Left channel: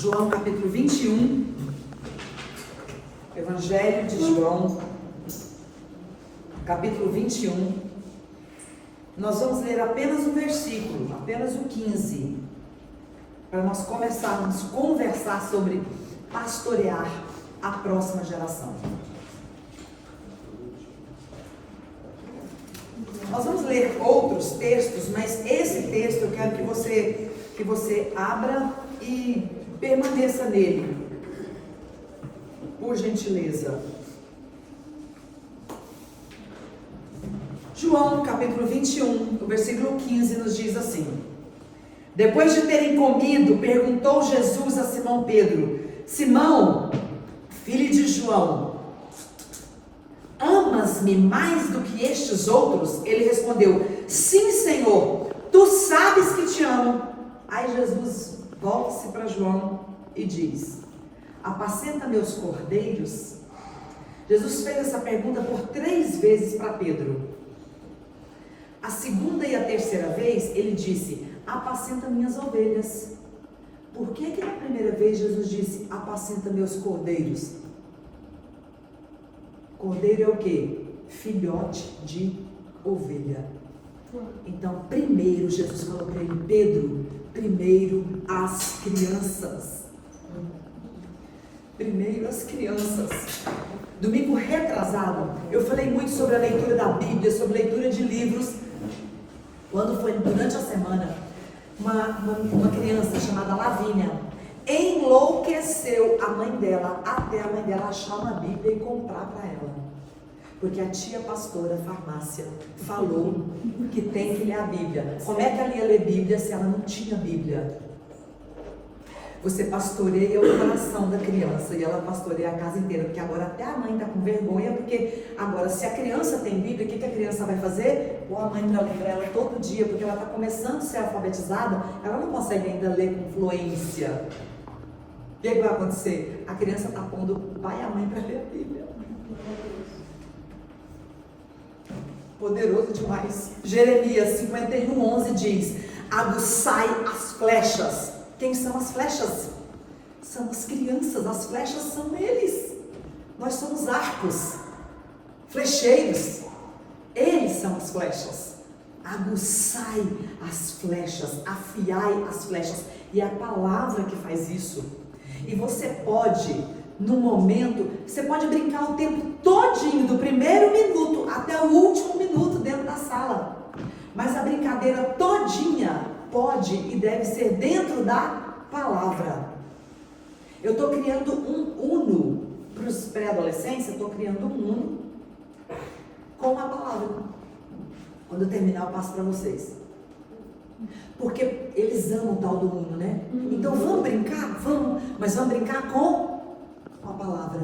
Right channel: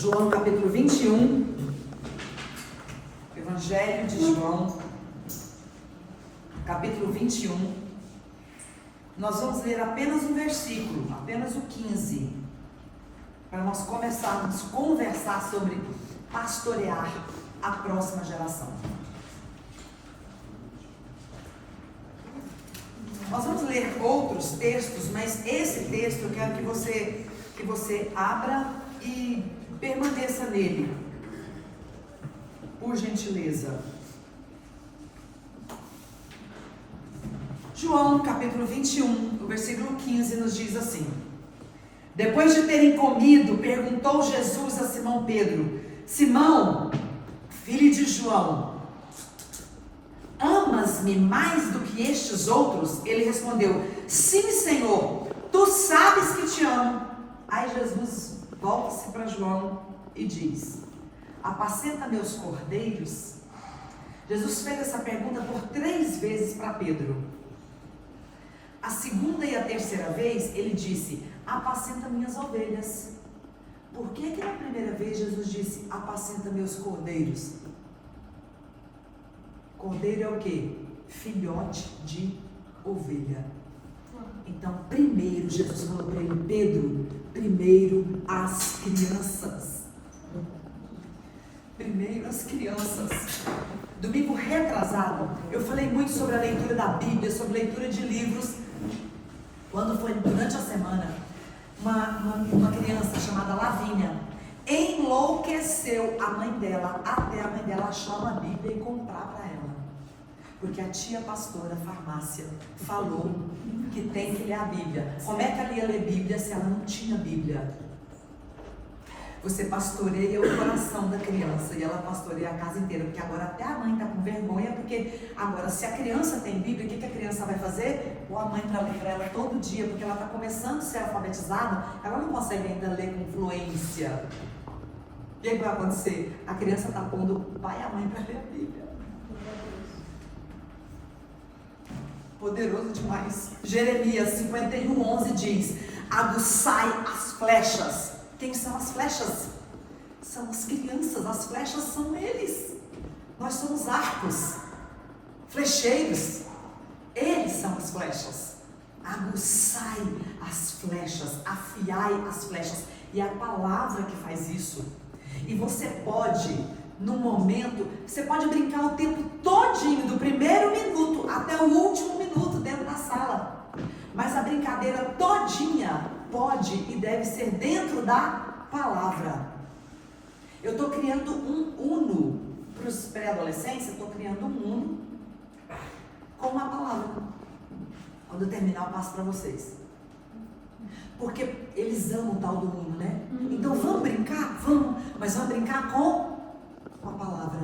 João capítulo 21, Evangelho de João, capítulo 21. Nós vamos ler apenas um versículo, apenas o 15, para nós começarmos a conversar sobre pastorear a próxima geração. Nós vamos ler outros textos, mas esse texto eu quero que você abra e permaneça nele, por gentileza. João capítulo 21, o versículo 15 nos diz assim: depois de terem comido, perguntou Jesus a Simão Pedro: Simão, filho de João, amas-me mais do que estes outros? Ele respondeu: sim, Senhor, tu sabes que te amo. Aí Jesus volta-se para João e diz: apacenta meus cordeiros. Jesus fez essa pergunta por 3 vezes para Pedro. A segunda e a terceira vez ele disse: apacenta minhas ovelhas. Por que na primeira vez Jesus disse: apacenta meus cordeiros? Cordeiro é o quê? Filhote de ovelha. Então, primeiro Jesus falou para ele: Pedro, primeiro as crianças. Primeiro as crianças. Domingo retrasado, eu falei muito sobre a leitura da Bíblia, sobre leitura de livros. Quando foi durante a semana, uma criança chamada Lavínia enlouqueceu a mãe dela, até a mãe dela achar uma Bíblia e comprar para ela. Porque a tia pastora farmácia falou que tem que ler a Bíblia. Como é que ela ia ler Bíblia se ela não tinha Bíblia? Você pastoreia o coração da criança e ela pastoreia a casa inteira, porque agora até a mãe está com vergonha, porque agora se a criança tem Bíblia, o que a criança vai fazer? Pôr a mãe para ler para ela todo dia, porque ela está começando a ser alfabetizada, ela não consegue ainda ler com fluência. O que vai acontecer? A criança está pondo o pai e a mãe para ler a Bíblia. Poderoso demais. Jeremias 51:11 diz: aguçai as flechas. Quem são as flechas? São as crianças. As flechas são eles. Nós somos arcos, flecheiros. Eles são as flechas. Aguçai as flechas, afiai as flechas. E é a palavra que faz isso. E você pode, no momento, você pode brincar o tempo todinho, do primeiro minuto até o último minuto dentro da sala. Mas a brincadeira todinha pode e deve ser dentro da palavra. Eu estou criando um Uno para os pré-adolescentes, eu estou criando um Uno com a palavra. Quando eu terminar, eu passo para vocês. Porque eles amam o tal do Uno, né? Então vamos brincar? Vamos, mas vamos brincar com a palavra.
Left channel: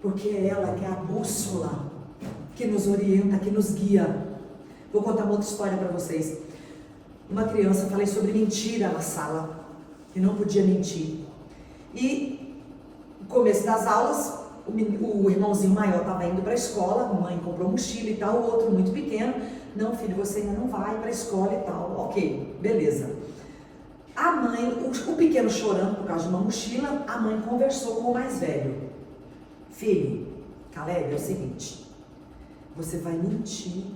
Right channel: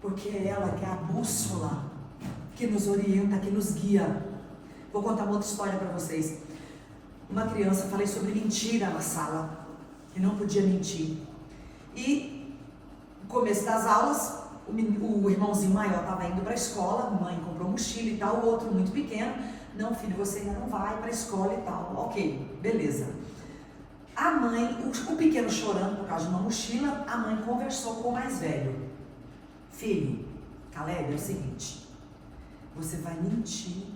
Porque é ela que é a bússola que nos orienta, que nos guia. Vou contar uma outra história para vocês. Uma criança, falei sobre mentira na sala, que não podia mentir. E no começo das aulas, o irmãozinho maior estava indo para a escola, a mãe comprou mochila e tal, o outro muito pequeno: não, filho, você ainda não vai para a escola e tal. Ok, beleza. A mãe, o pequeno chorando por causa de uma mochila, a mãe conversou com o mais velho: filho, Caleb, é o seguinte, você vai mentir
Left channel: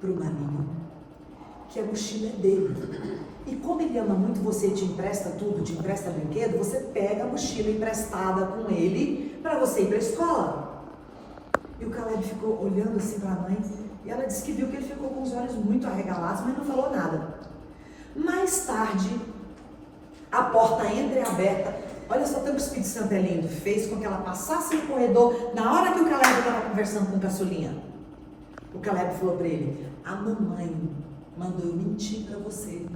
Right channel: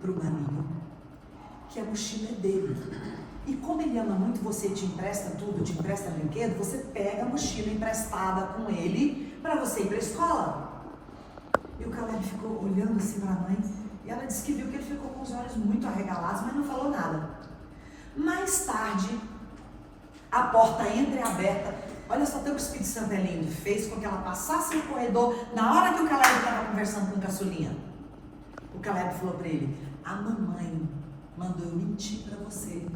para o maninho que a mochila é dele. E como ele ama muito você e te empresta tudo, te empresta brinquedo, você pega a mochila emprestada com ele para você ir para a escola. E o Caleb ficou olhando assim para a mãe, e ela disse que viu que ele ficou com os olhos muito arregalados, mas não falou nada. Mais tarde, a porta entreaberta, olha só, o Espírito Santo é lindo, fez com que ela passasse no corredor, na hora que o Caleb estava conversando com o caçulinha. O Caleb falou para ele: a mamãe mandou eu mentir para você,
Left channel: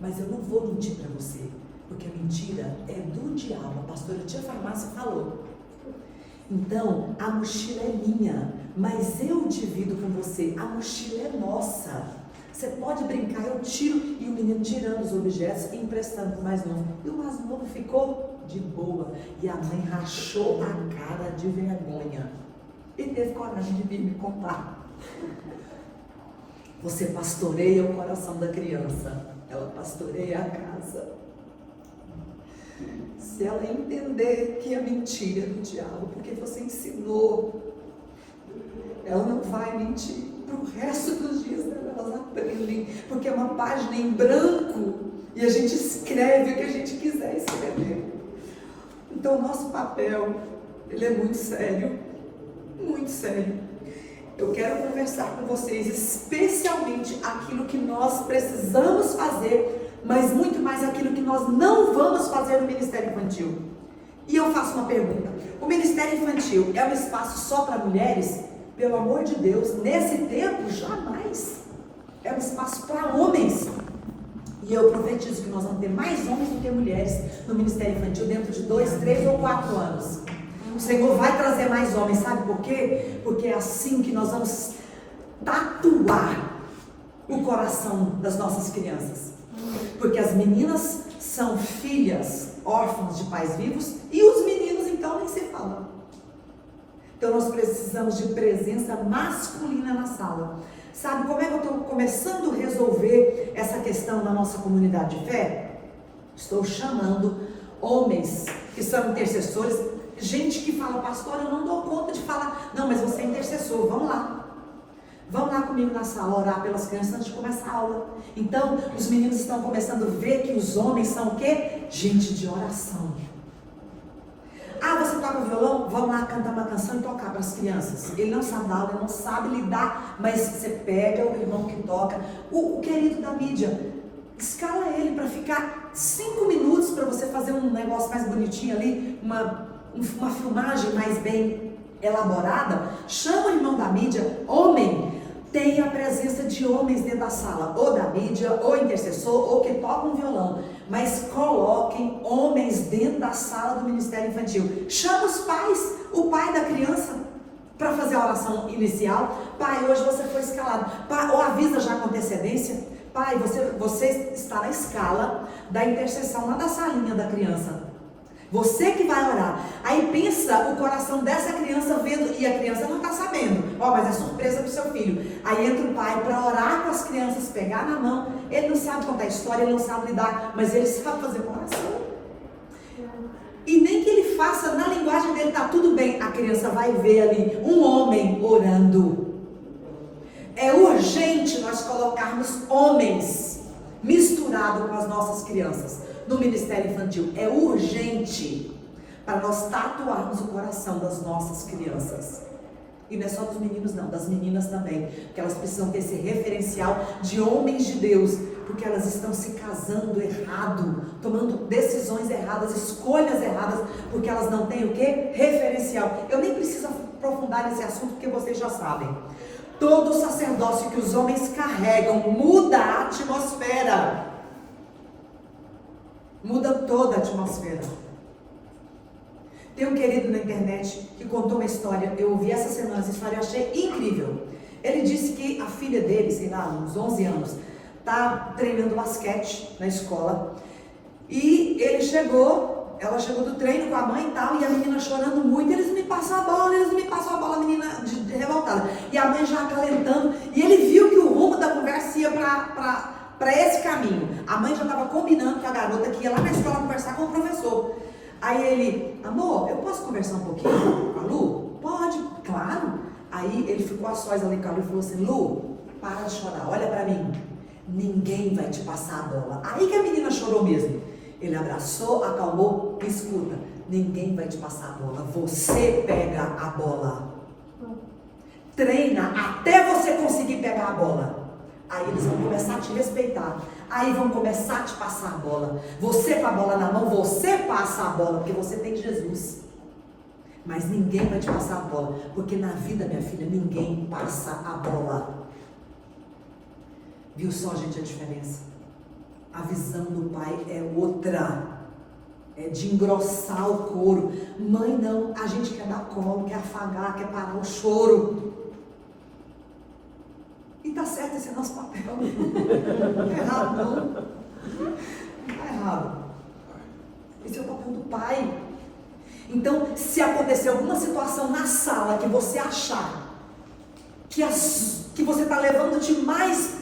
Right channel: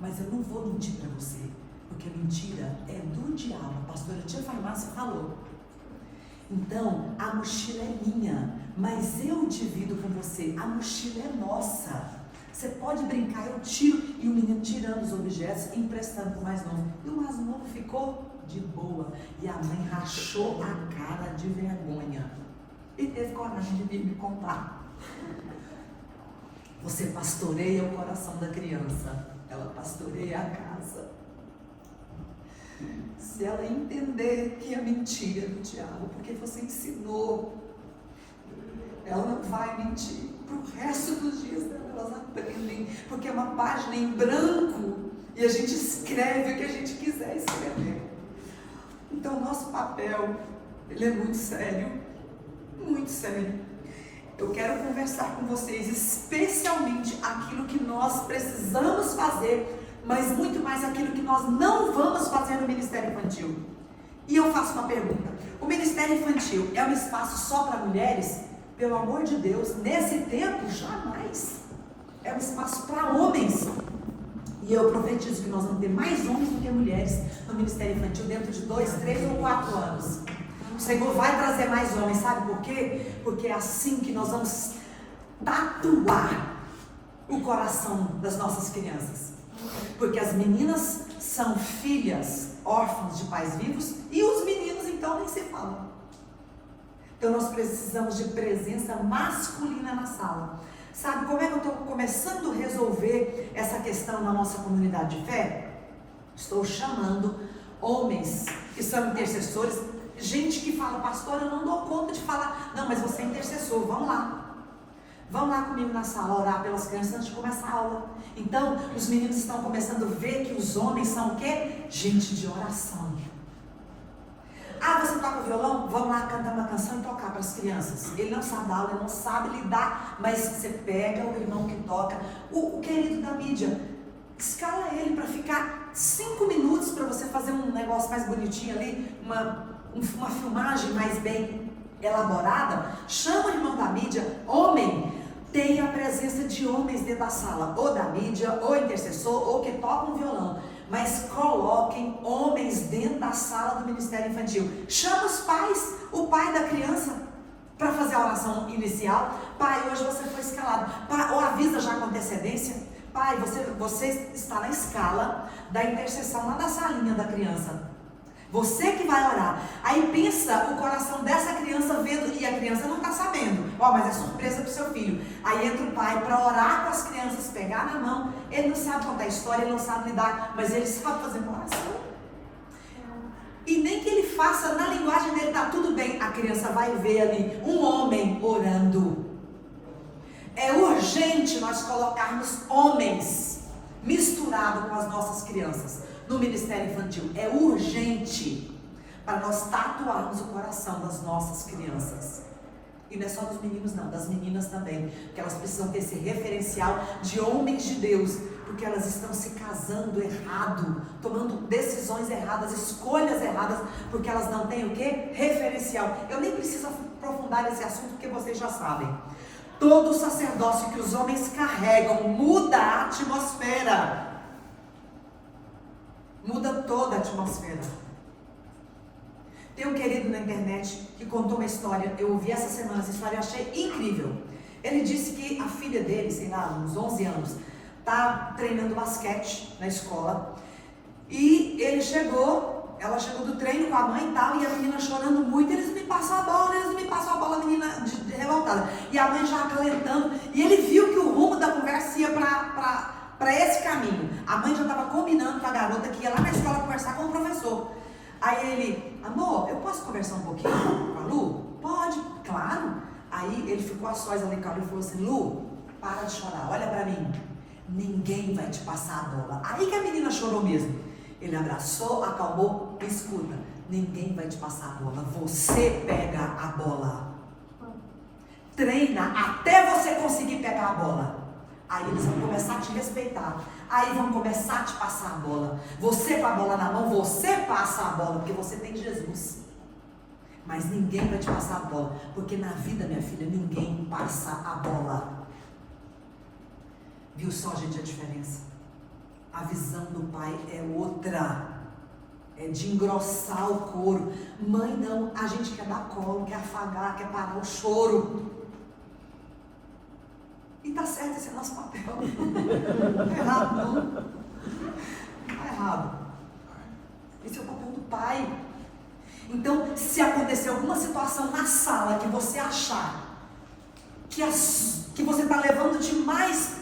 mas eu não vou mentir para você, porque a mentira é do diabo. A pastora tia farmácia falou. Então, a mochila é minha, mas eu divido com você, a mochila é nossa. Você pode brincar, eu tiro. E o menino tirando os objetos e emprestando para o mais novo. E o mais novo ficou de boa. E a mãe rachou a cara de vergonha. E teve coragem de vir me contar. Você pastoreia o coração da criança, ela pastoreia a casa. Se ela entender que é mentira do diabo, porque você ensinou, ela não vai mentir. Para o resto dos dias dela, elas aprendem, porque é uma página em branco e a gente escreve o que a gente quiser escrever. Então, o nosso papel, ele é muito sério, muito sério. Eu quero conversar com vocês, especialmente aquilo que nós precisamos fazer, mas muito mais aquilo que nós não vamos fazer no Ministério Infantil. E eu faço uma pergunta: o Ministério Infantil é um espaço só para mulheres? Pelo amor de Deus, nesse tempo, jamais. É um espaço para homens. E eu profetizo que nós vamos ter mais homens do que mulheres no Ministério Infantil dentro de 2, 3 ou 4 anos. O Senhor vai trazer mais homens, sabe por quê? Porque é assim que nós vamos tatuar o coração das nossas crianças. Porque as meninas são filhas órfãs de pais vivos e os meninos então nem se falam. Então nós precisamos de presença masculina na sala. Sabe como é que eu estou começando a resolver essa questão na nossa comunidade de fé? Estou chamando homens que são intercessores, gente que fala: pastor, eu não dou conta de falar. Não, mas você é intercessor, vamos lá. Vamos lá comigo na sala orar pelas crianças antes de começar a aula. Então, os meninos estão começando a ver que os homens são o quê? Gente de oração. Ah, você toca violão? Vamos lá cantar uma canção e tocar para as crianças. Ele não sabe dar aula, ele não sabe lidar, mas você pega o irmão que toca, o querido da mídia, escala ele para ficar 5 minutos para você fazer um negócio mais bonitinho ali, uma filmagem mais bem elaborada. Chama o irmão da mídia, homem. Tem a presença de homens dentro da sala, ou da mídia, ou intercessor, ou que toca um violão. Mas coloquem homens dentro da sala do Ministério Infantil. Chama os pais, o pai da criança, para fazer a oração inicial. Pai, hoje você foi escalado. Pai, ou avisa já com antecedência. Pai, você está na escala da intercessão lá da salinha da criança. Você que vai orar. Aí pensa o coração dessa criança vendo, e a criança não está sabendo. Mas é surpresa para o seu filho. Aí entra o pai para orar com as crianças, pegar na mão. Ele não sabe contar história, ele não sabe lidar, mas ele sabe fazer uma oração. E nem que ele faça na linguagem dele, tá tudo bem. A criança vai ver ali um homem orando. É urgente nós colocarmos homens misturados com as nossas crianças no Ministério Infantil. É urgente para nós tatuarmos o coração das nossas crianças. E não é só dos meninos não, das meninas também, porque elas precisam ter esse referencial de homens de Deus, porque elas estão se casando errado, tomando decisões erradas, escolhas erradas, porque elas não têm o quê? Referencial. Eu nem preciso aprofundar nesse assunto, porque vocês já sabem. Todo o sacerdócio que os homens carregam muda a atmosfera. Muda toda a atmosfera. Tem um querido na internet que contou uma história. Eu ouvi essa semana essa história e achei incrível. Ele disse que a filha dele, sei lá, uns 11 anos, tá treinando basquete na escola. E ela chegou do treino com a mãe e tal, e a menina chorando muito. Eles não me passam a bola, a menina de revoltada. E a mãe já acalentando. E ele viu que o rumo da conversa ia para esse caminho. A mãe já estava combinando com a garota que ia lá na escola conversar com o professor. Aí ele: amor, eu posso conversar um pouquinho com a Lu? Pode, claro. Aí ele ficou a sós ali com a Lu e falou assim: Lu, para de chorar, olha pra mim. Ninguém vai te passar a bola. Aí que a menina chorou mesmo. Ele abraçou, acalmou, escuta, ninguém vai te passar a bola. Você pega a bola. Treina até você conseguir pegar a bola. Aí eles vão começar a te respeitar. Aí vão começar a te passar a bola. Você com a bola na mão, você passa a bola, porque você tem Jesus. Mas ninguém vai te passar a bola, porque na vida, minha filha, ninguém passa a bola. Viu só, gente, a diferença? A visão do pai é outra. É de engrossar o couro. Mãe não, a gente quer dar colo, quer afagar, quer parar o choro. E tá certo, esse é nosso papel. Não é errado, não. Não é errado. Esse é o papel do pai. Então, se acontecer alguma situação na sala que você achar que você está levando demais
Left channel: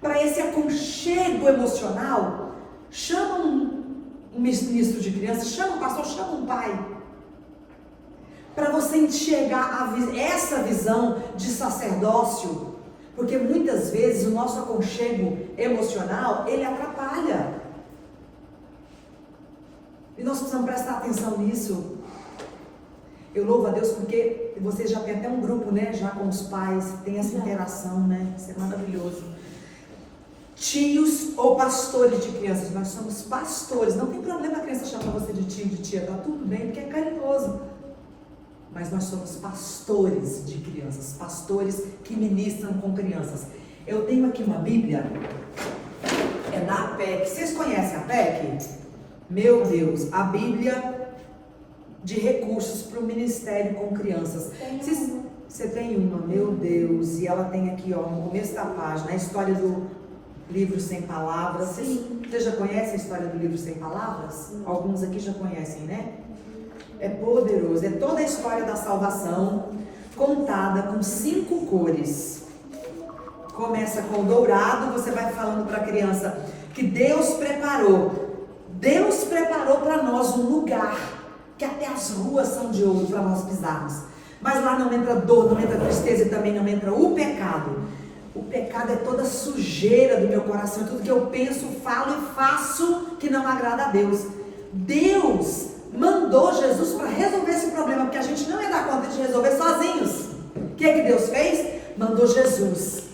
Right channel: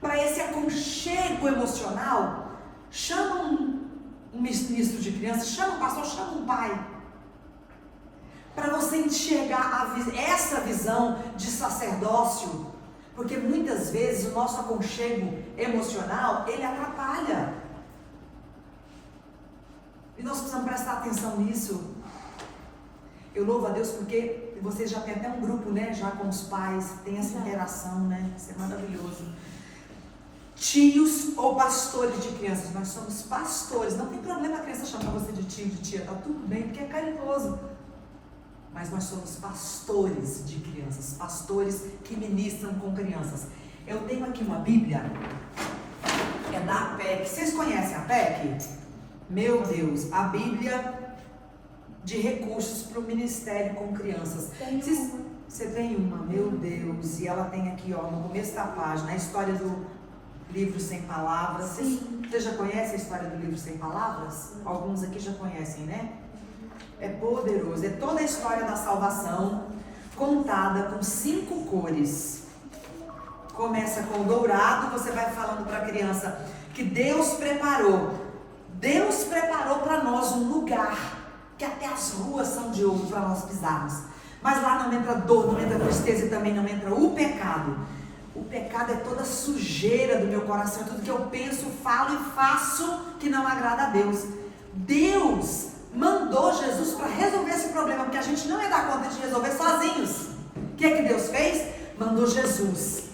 para esse aconchego emocional, chama um ministro de crianças, chama um pastor, chama um pai. Para você enxergar essa visão de sacerdócio, porque muitas vezes o nosso aconchego emocional, ele atrapalha. E nós precisamos prestar atenção nisso. Eu louvo a Deus porque vocês já têm até um grupo, né? Já com os pais, tem essa interação, né? Isso é maravilhoso. Tios ou pastores de crianças, nós somos pastores. Não tem problema a criança chamar você de tio, de tia, tá tudo bem, porque é carinhoso. Mas nós somos pastores de crianças, pastores que ministram com crianças. Eu tenho aqui uma Bíblia, é da APEC. Vocês conhecem a APEC? Meu Deus, a Bíblia de recursos para o ministério com crianças. Você tem uma, meu Deus, e ela tem aqui, ó, no começo da página, a história do livro Sem Palavras. Você já conhece a história do livro Sem Palavras? Alguns aqui já conhecem, né? É poderoso, é toda a história da salvação contada com 5 cores. Começa com o dourado, você vai falando para a criança que Deus preparou para nós um lugar, que até as ruas são de ouro para nós pisarmos. Mas lá não entra dor, não entra tristeza e também não entra o pecado. O pecado é toda a sujeira do meu coração, é tudo que eu penso, falo e faço que não agrada a Deus. Deus mandou Jesus para resolver esse problema, porque a gente não ia dar conta de resolver sozinhos. O que é que Deus fez? Mandou Jesus,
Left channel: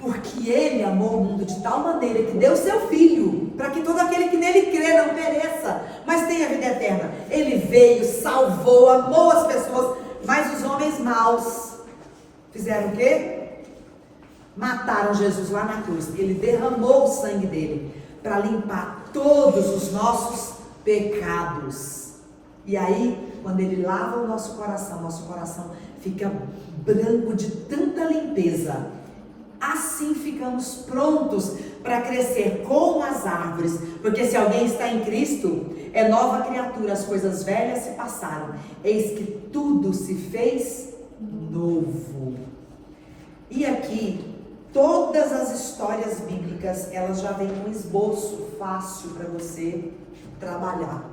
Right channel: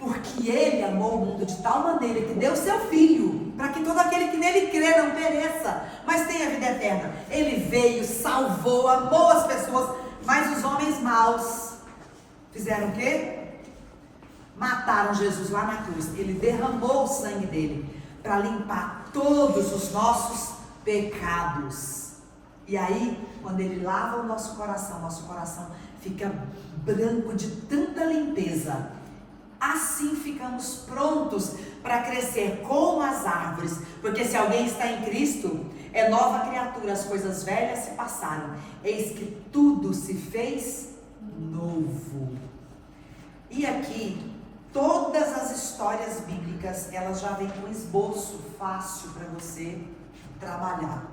porque Ele amou o mundo de tal maneira que deu seu Filho, para que todo aquele que nele crê não pereça, mas tenha vida eterna. Ele veio, salvou, amou as pessoas, mas os homens maus fizeram o quê? Mataram Jesus lá na cruz. Ele derramou o sangue dele para limpar todos os nossos pecados. E aí, quando Ele lava o nosso coração fica branco de tanta limpeza. Assim ficamos prontos para crescer como as árvores. Porque se alguém está em Cristo, é nova criatura, as coisas velhas se passaram, eis que tudo se fez novo. E aqui, todas as histórias bíblicas, elas já vêm com um esboço fácil para você trabalhar.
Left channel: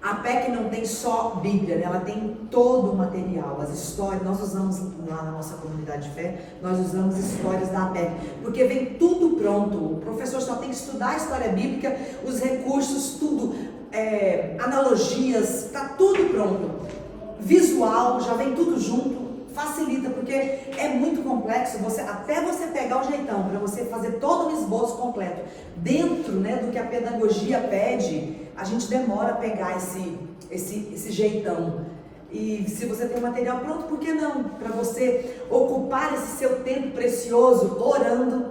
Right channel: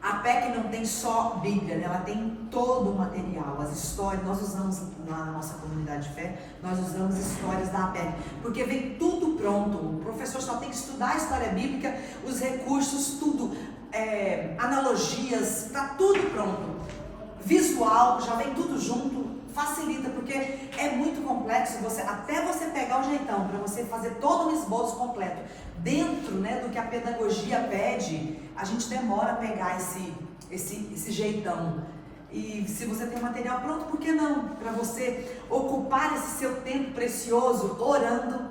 A PEC não tem só Bíblia, né? Ela tem todo o material, as histórias. Nós usamos lá na nossa comunidade de fé, nós usamos histórias da PEC, porque vem tudo pronto. O professor só tem que estudar a história bíblica, os recursos, tudo, analogias, está tudo pronto. Visual, já vem tudo junto. Facilita, porque é muito complexo, até você pegar o jeitão, para você fazer todo o esboço completo, dentro, né, do que a pedagogia pede, a gente demora a pegar esse jeitão. E se você tem o material pronto, por que não? Para você ocupar esse seu tempo precioso, orando,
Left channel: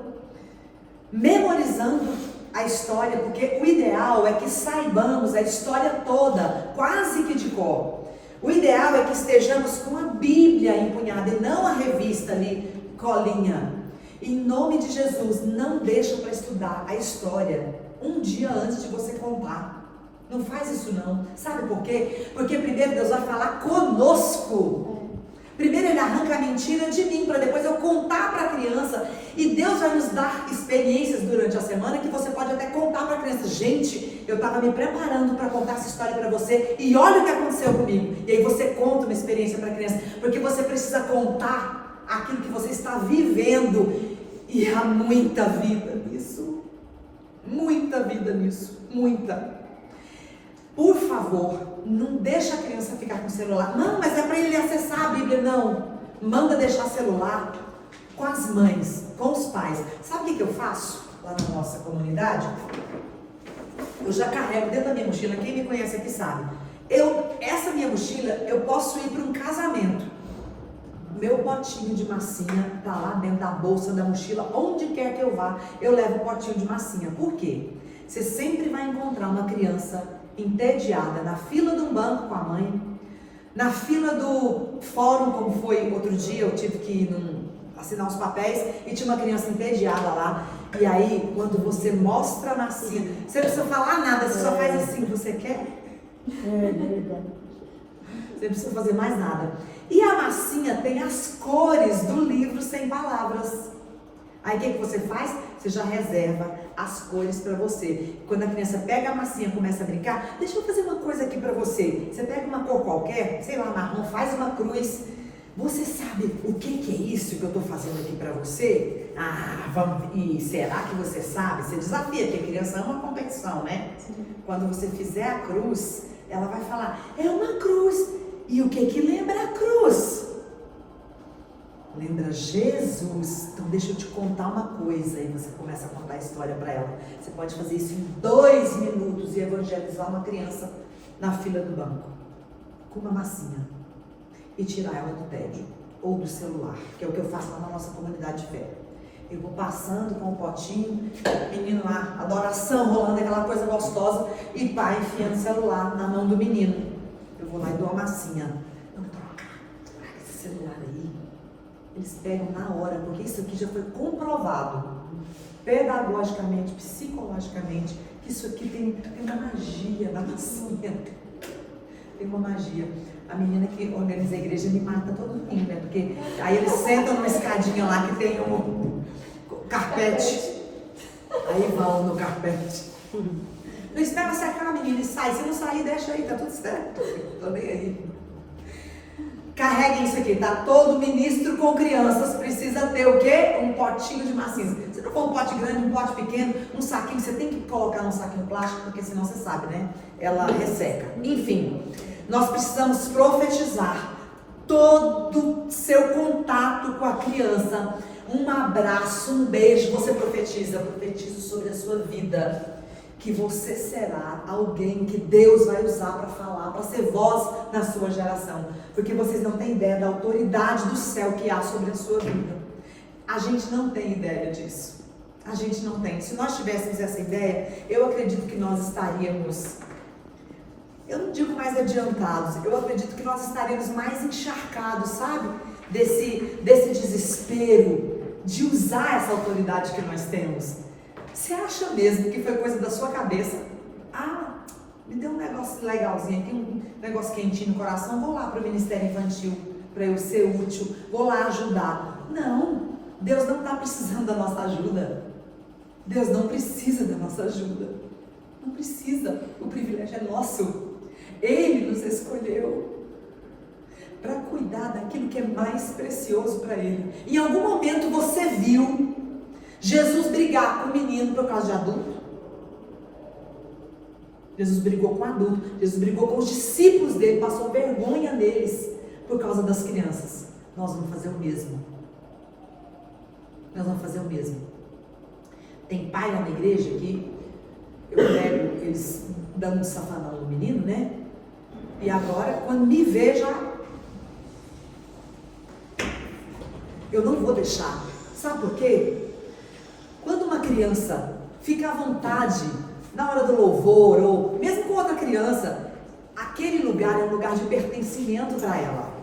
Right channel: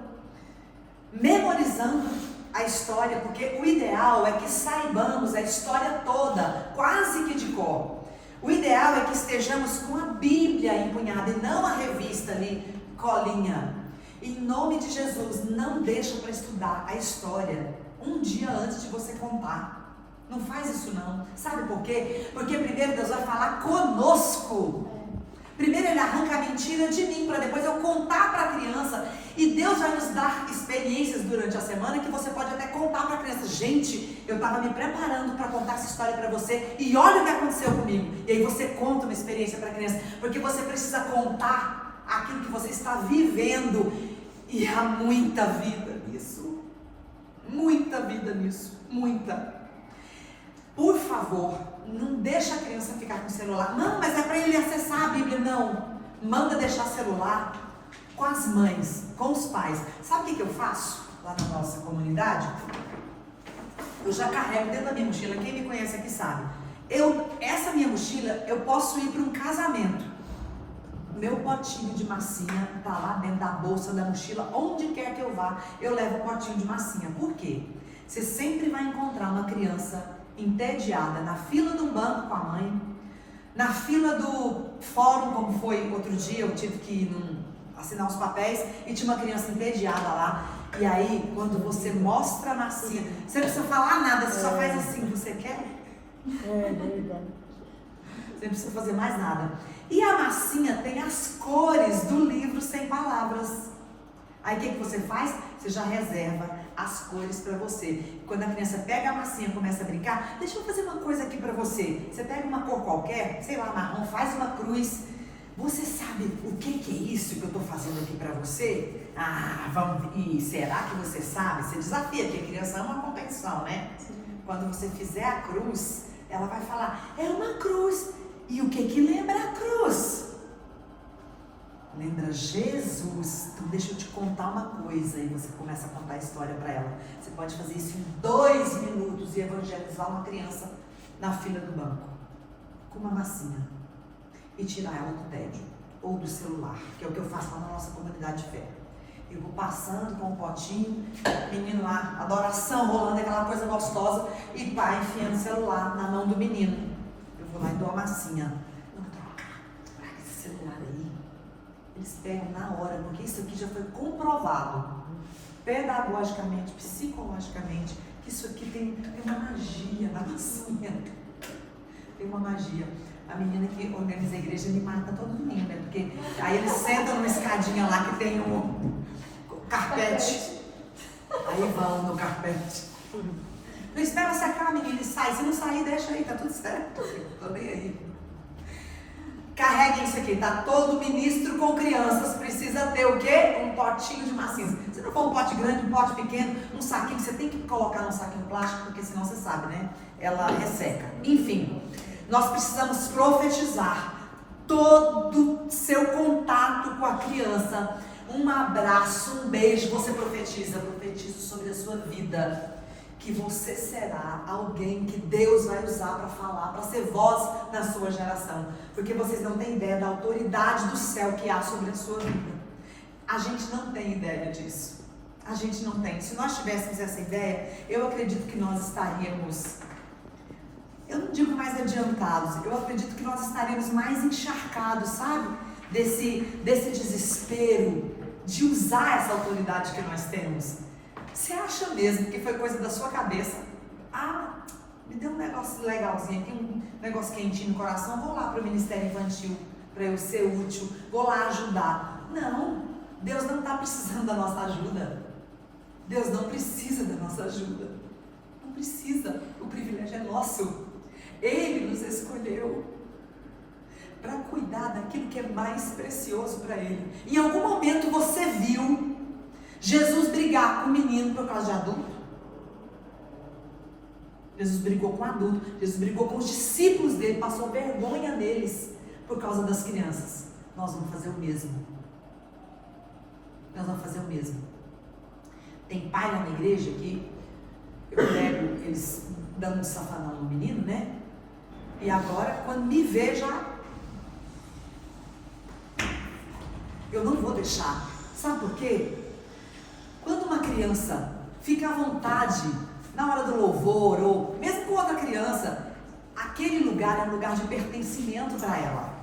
memorizando a história, porque o ideal é que saibamos a história toda, quase que de cor. O ideal é que estejamos com a Bíblia empunhada e não a revista ali, colinha. Em nome de Jesus, não deixa para estudar a história um dia antes de você contar. Não faz isso não. Sabe por quê? Porque primeiro Deus vai falar conosco. Primeiro Ele arranca a mentira de mim, para depois eu contar para a criança. E Deus vai nos dar experiências durante a semana que você pode até contar para a criança. Gente, eu estava me preparando para contar essa história para você e olha o que aconteceu comigo. E aí você conta uma experiência para a criança, porque você precisa contar aquilo que você está vivendo. E há muita vida nisso. Muita vida nisso. Muita. Por favor, não deixa a criança ficar com o celular. Não, mas é para ele acessar a Bíblia. Não, manda deixar celular com as mães, com os pais. Sabe o que eu faço lá na nossa comunidade? Eu já carrego dentro da minha mochila. Quem me conhece aqui sabe. Essa minha mochila, eu posso ir para um casamento. Meu potinho de massinha está lá dentro da bolsa da mochila. Onde quer que eu vá, eu levo o potinho de massinha. Por quê? Você sempre vai encontrar uma criança entediada na fila de um banco com a mãe, na fila do fórum, como foi outro dia, eu tive que ir assinar os papéis e tinha uma criança entediada lá. E aí, quando você mostra a massinha, você não precisa falar nada, você só faz assim, você quer? Você não precisa fazer mais nada. E a massinha tem as cores do livro Sem Palavras. Aí o que você faz? Você já reserva as cores para você. Quando a criança pega a massinha e começa a brincar, deixa eu fazer uma coisa aqui para você. Você pega uma cor qualquer, sei lá, marrom, faz uma cruz. Você sabe o que é isso que eu estou fazendo aqui para você? E será que você sabe? Você desafia, porque a criança ama uma competição, né? Quando você fizer a cruz, ela vai falar, é uma cruz. E o que lembra a cruz? Lembra Jesus. Então deixa eu te contar uma coisa. E você começa a contar a história para ela. Você pode fazer isso em 2 minutos e evangelizar uma criança na fila do banco com uma massinha e tirar ela do tédio ou do celular, que é o que eu faço lá na nossa comunidade de fé. Eu vou passando com um potinho, menino lá, adoração rolando, aquela coisa gostosa, e pai enfiando o celular na mão do menino. Eu vou lá e dou a massinha. Vamos trocar esse celular aí. Eles pegam na hora, porque isso aqui já foi comprovado, pedagogicamente, psicologicamente, que isso aqui tem uma magia na massinha. Tem uma magia. A menina que organiza a igreja me mata todo domingo, né? Porque aí eles sentam numa escadinha lá que tem um carpete. Aí vão no carpete. Não espera secar a menina e sai. Se não sair, deixa aí, tá tudo certo. Tô nem aí. Carreguem isso aqui, tá? Todo ministro com crianças precisa ter o quê? Um potinho de massinhas. Se não for um pote grande, um pote pequeno, um saquinho, você tem que colocar num saquinho plástico, porque senão você sabe, né? Ela resseca. Enfim, nós precisamos profetizar todo seu contato com a criança. Um abraço, um beijo, você profetiza sobre a sua vida. Que você será alguém que Deus vai usar para falar, para ser voz na sua geração. Porque vocês não têm ideia da autoridade do céu que há sobre a sua vida. A gente não tem ideia disso. A gente não tem. Se nós tivéssemos essa ideia, eu acredito que nós estaríamos, eu não digo mais adiantados, eu acredito que nós estaríamos mais encharcados, sabe? Desse desespero de usar essa autoridade que nós temos. Você acha mesmo que foi coisa da sua cabeça? Me deu um negócio legalzinho aqui, um negócio quentinho no coração, vou lá para o Ministério Infantil, para eu ser útil, vou lá ajudar. Não, Deus não está precisando da nossa ajuda. Deus não precisa da nossa ajuda. Não precisa, o privilégio é nosso. Ele nos escolheu para cuidar daquilo que é mais precioso para Ele. Em algum momento você viu Jesus brigar com o menino por causa de adulto? Jesus brigou com o adulto, Jesus brigou com os discípulos dele, passou vergonha neles por causa das crianças. Nós vamos fazer o mesmo. Nós vamos fazer o mesmo. Tem pai lá na igreja que eu pego eles dando um safanão no menino, né? E agora, quando me vê, eu não vou deixar. Sabe por quê? Quando uma criança fica à vontade na hora do louvor, ou mesmo com outra criança, aquele lugar é um lugar de pertencimento para ela.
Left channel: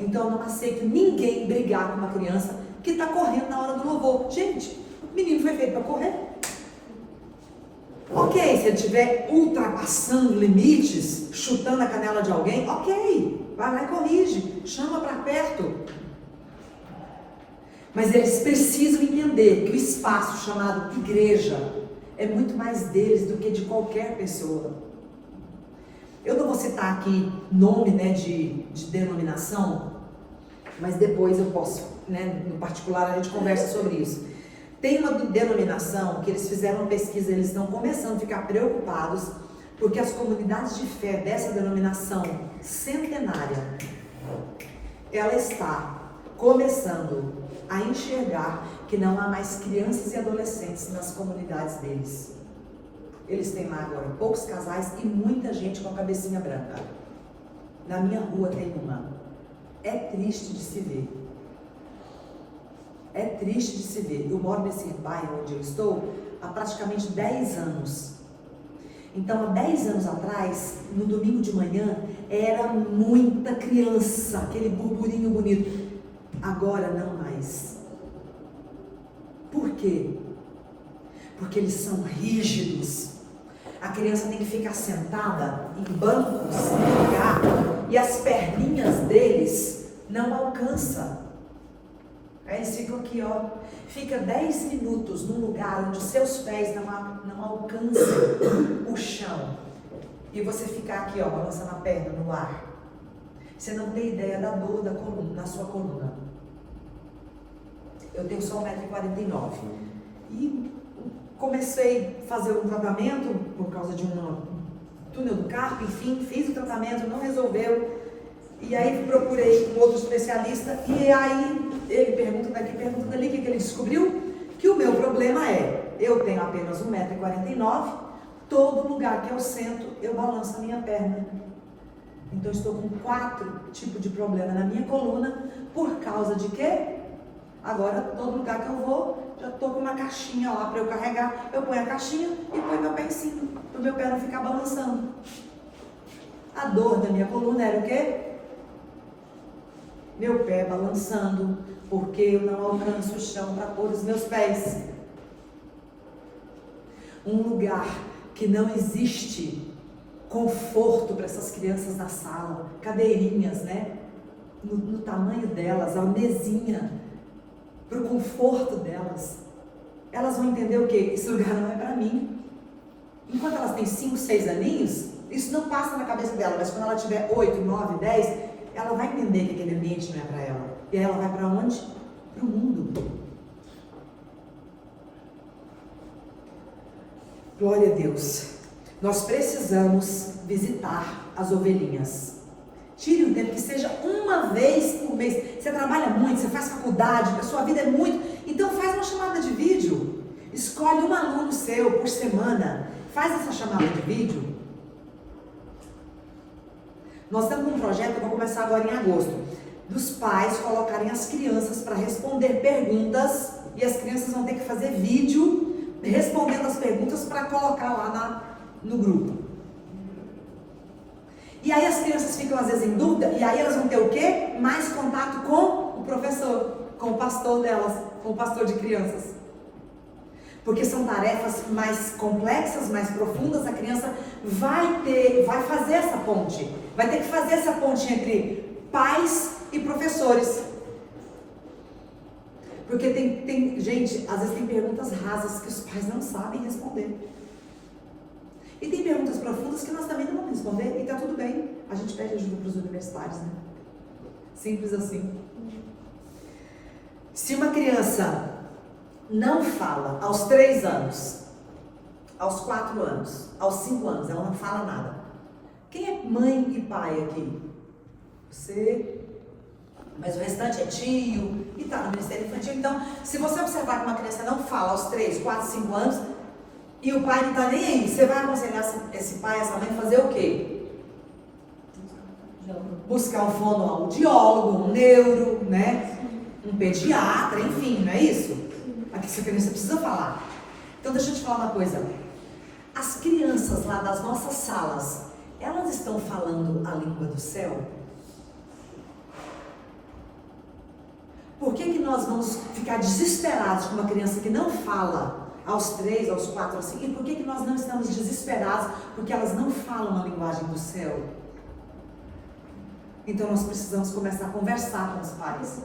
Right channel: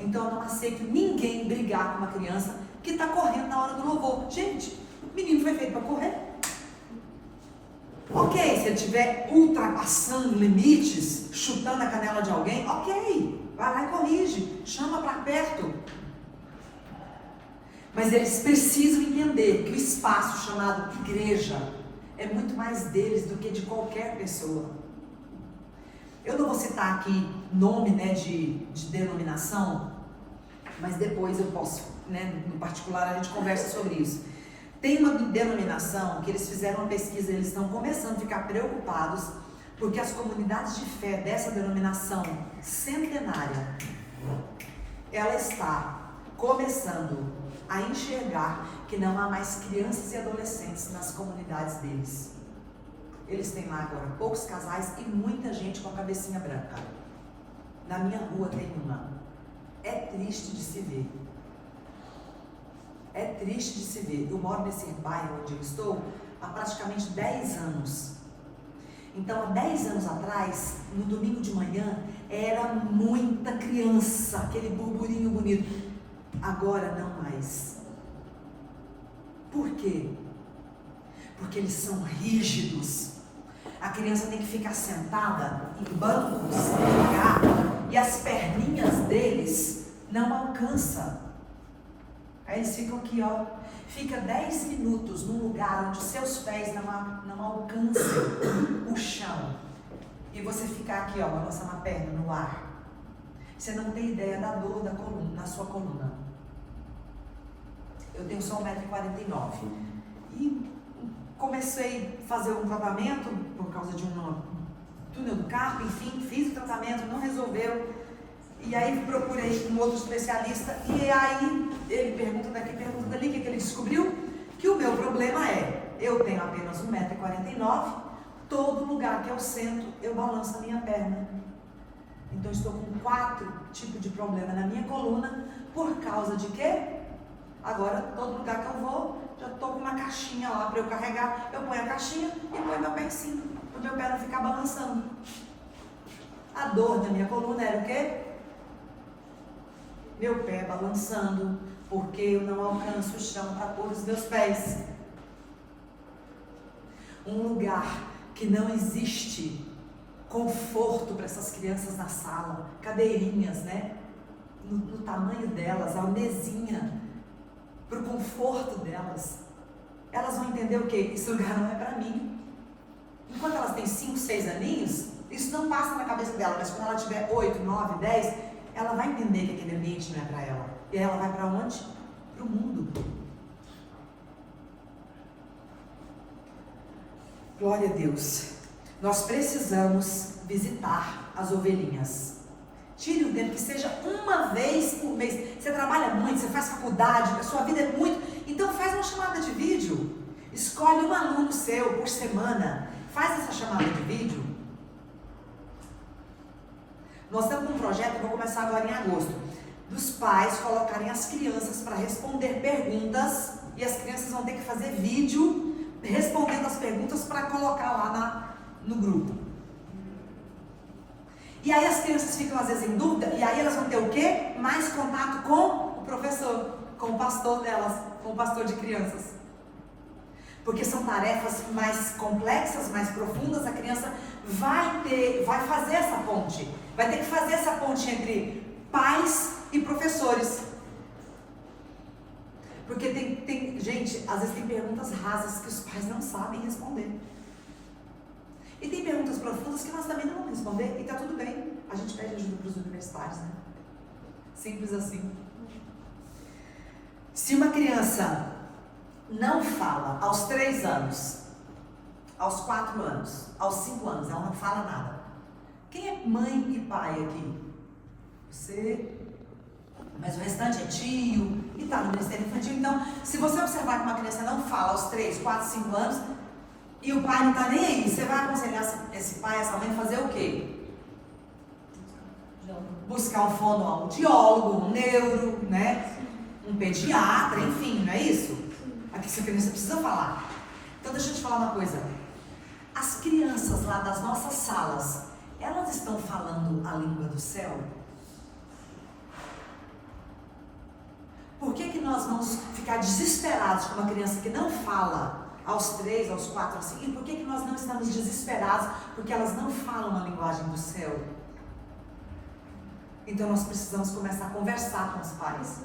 Então eu não aceito ninguém brigar com uma criança que está correndo na hora do louvor. Gente, o menino foi feito para correr. Ok, se ele estiver ultrapassando limites, chutando a canela de alguém, ok, vai lá e corrige, chama para perto. Mas eles precisam entender que o espaço chamado igreja é muito mais deles do que de qualquer pessoa. Eu não vou citar aqui nome, né, de denominação, mas depois eu posso, né, no particular a gente conversa sobre isso. Tem uma denominação que eles fizeram uma pesquisa, eles estão começando a ficar preocupados porque as comunidades de fé dessa denominação centenária, ela está começando a enxergar que não há mais crianças e adolescentes nas comunidades deles. Eles têm lá agora poucos casais e muita gente com a cabecinha branca. Na minha rua tem uma. É triste de se ver. É triste de se ver. Eu moro nesse bairro onde eu estou há praticamente 10 anos. Então, há 10 anos atrás, no domingo de manhã, era muita criança, aquele burburinho bonito. Agora não mais. Por quê? Porque eles são rígidos. A criança tem que ficar sentada em bancos, e as perninhas deles não alcançam. Aí eles ficam aqui, ó. Fica 10 minutos num lugar onde seus pés não alcançam o chão. E você ficar aqui, ó, balançando a perna no ar. Você não tem ideia da dor da coluna, na sua coluna. Eu tenho só 1,49 m. E comecei a fazer um tratamento por causa de um túnel do carpo, enfim, fiz o tratamento, não resolveu. E aí procurei um outro especialista e aí ele pergunta daqui, pergunta dali, o que ele descobriu? Que o meu problema é, eu tenho apenas 1,49 m, todo lugar que eu sento, eu balanço a minha perna. Então eu estou com 4 tipos de problema na minha coluna, por causa de quê? Agora, todo lugar que eu vou, já estou com uma caixinha lá para eu carregar, eu ponho a caixinha e ponho meu pé em cima, para o meu pé não ficar balançando. A dor da minha coluna era o quê? Meu pé balançando, porque eu não alcanço o chão para pôr os meus pés. Um lugar que não existe conforto para essas crianças na sala, cadeirinhas, né? No tamanho delas, a mesinha, para o conforto delas. Elas vão entender o quê? Esse lugar não é para mim. Enquanto elas têm 5, 6 aninhos, isso não passa na cabeça dela, mas quando ela tiver 8, 9, 10, ela vai entender que aquele ambiente não é para ela. E aí ela vai para onde? Para o mundo. Glória a Deus. Nós precisamos visitar as ovelhinhas. Tire um tempo, que seja uma vez por mês. Você trabalha muito, você faz faculdade, a sua vida é muito. Então faz uma chamada de vídeo. Escolhe um aluno seu por semana. Faz essa chamada de vídeo. Nós estamos com um projeto, eu vou começar agora em agosto, dos pais colocarem as crianças para responder perguntas, e as crianças vão ter que fazer vídeo respondendo as perguntas para colocar lá no grupo. E aí as crianças ficam às vezes em dúvida, e aí elas vão ter o quê? Mais contato com o professor, com o pastor delas, com o pastor de crianças. Porque são tarefas mais complexas, mais profundas, a criança vai fazer essa ponte. Vai ter que fazer essa ponte entre pais e professores. Porque tem gente, às vezes tem perguntas rasas que os pais não sabem responder. E tem perguntas profundas que nós também não vamos responder, e está tudo bem. A gente pede ajuda para os universitários, né? Simples assim. Se uma criança não fala aos 3 anos, aos 4 anos, aos 5 anos, ela não fala nada. Quem é mãe e pai aqui? Você. Mas o restante é tio e está no Ministério Infantil. Então, se você observar que uma criança não fala aos 3, 4, 5 anos e o pai não está nem aí, você vai aconselhar esse pai, essa mãe, fazer o quê? Buscar um fonoaudiólogo, um neuro, né? Um pediatra, enfim, não é isso? Aqui essa criança precisa falar. Então deixa eu te falar uma coisa. As crianças lá das nossas salas, elas estão falando a língua do céu? Por que nós vamos ficar desesperados com uma criança que não fala aos 3, aos 4, aos 5? E por que nós não estamos desesperados porque elas não falam a linguagem do céu? Então nós precisamos começar a conversar com os pais.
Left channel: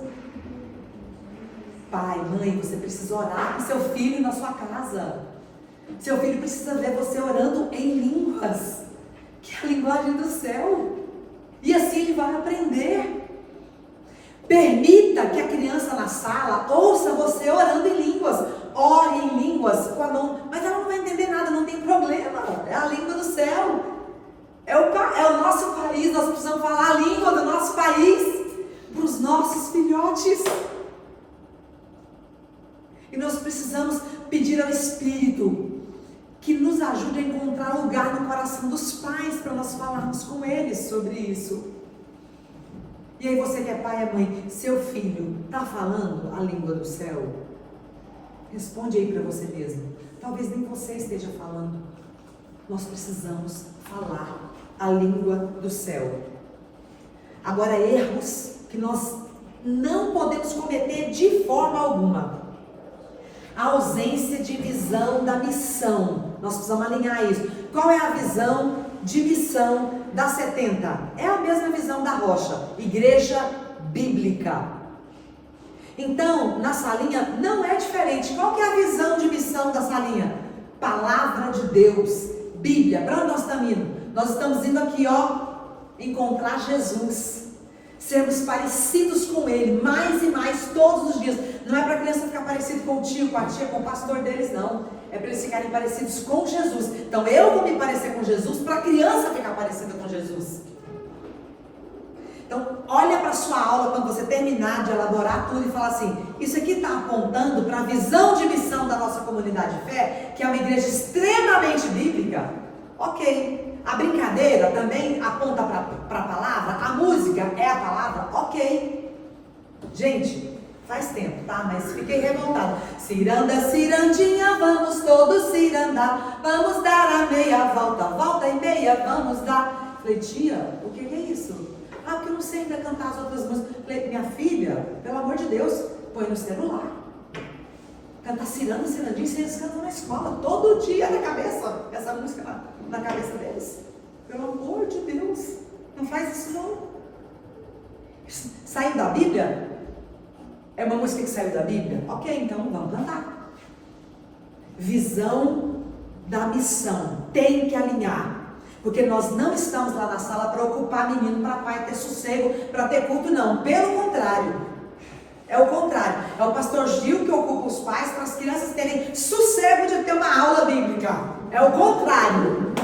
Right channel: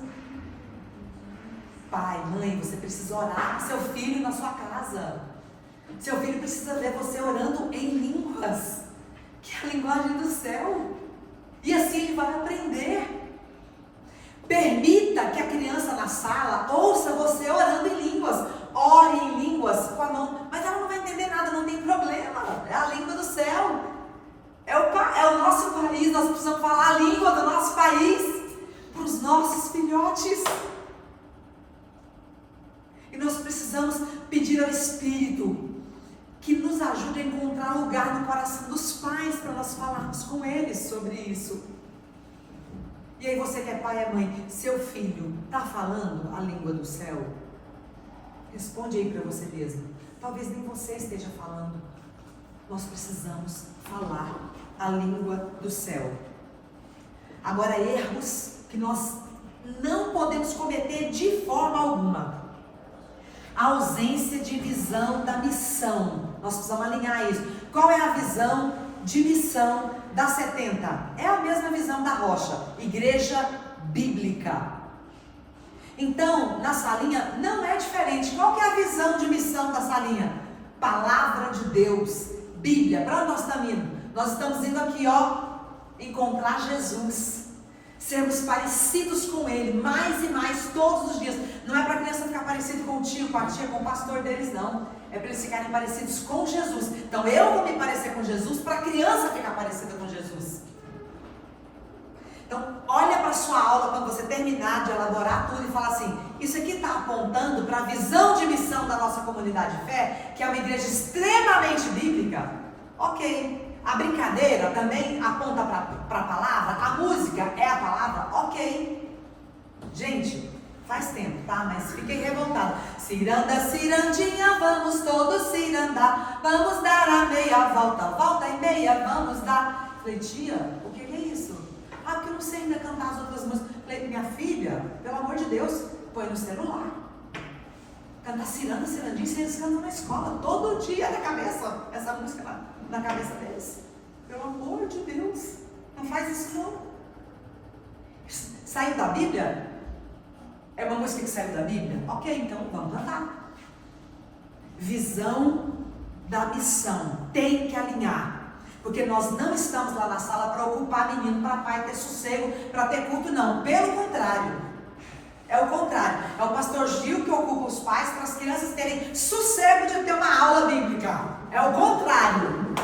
Pai, mãe, você precisa orar com seu filho na sua casa. Seu filho precisa ver você orando em línguas, que é a linguagem do céu. E assim ele vai aprender. Permita que a criança na sala ouça você orando em línguas. Ore em línguas com a mão. Mas ela não vai entender nada, não tem problema. É a língua do céu. É o nosso país. Nós precisamos falar a língua do nosso país para os nossos filhotes. E nós precisamos pedir ao Espírito que nos ajude a encontrar lugar no coração dos pais para nós falarmos com eles sobre isso. E aí você que é pai e mãe, seu filho está falando a língua do céu? Responde aí para você mesmo. Talvez nem você esteja falando. Nós precisamos falar a língua do céu. Agora, erros que nós não podemos cometer de forma alguma. A ausência de visão da missão. Nós precisamos alinhar isso. Qual é a visão de missão da 70? É a mesma visão da Rocha, igreja bíblica. Então, na salinha não é diferente. Qual que é a visão de missão da salinha? Palavra de Deus, Bíblia. Para onde nós estamos indo? Nós estamos indo aqui, ó, encontrar Jesus, sermos parecidos com Ele, mais e mais todos os dias. Não é para a criança ficar parecido com o tio, com a tia, com o pastor deles, não. É para eles ficarem parecidos com Jesus. Então eu vou me parecer com Jesus para a criança ficar parecida com Jesus. Então olha para a sua aula quando você terminar de elaborar tudo e fala assim: isso aqui está apontando para a visão de missão da nossa comunidade de fé, que é uma igreja extremamente bíblica. Ok. A brincadeira também aponta para a palavra, a música é a palavra, ok. Gente, faz tempo, tá? Mas fiquei revoltada. Ciranda, cirandinha, vamos todos cirandar, vamos dar a meia volta, volta e meia, vamos dar. Falei, tia, o que é isso? Ah, porque eu não sei ainda cantar as outras músicas. Falei, minha filha, pelo amor de Deus, põe no celular. Cantar ciranda, cirandinha, eles cantam na escola, todo dia na cabeça, essa música na cabeça deles. Pelo amor de Deus, não faz isso não. Saiu da Bíblia? É uma música que saiu da Bíblia? Ok, então vamos cantar. Visão da missão tem que alinhar. Porque nós não estamos lá na sala para ocupar menino, para pai ter sossego, para ter culto, não. Pelo contrário. É o contrário. É o pastor Gil que ocupa os pais para as crianças terem sossego de ter uma aula bíblica. É o contrário.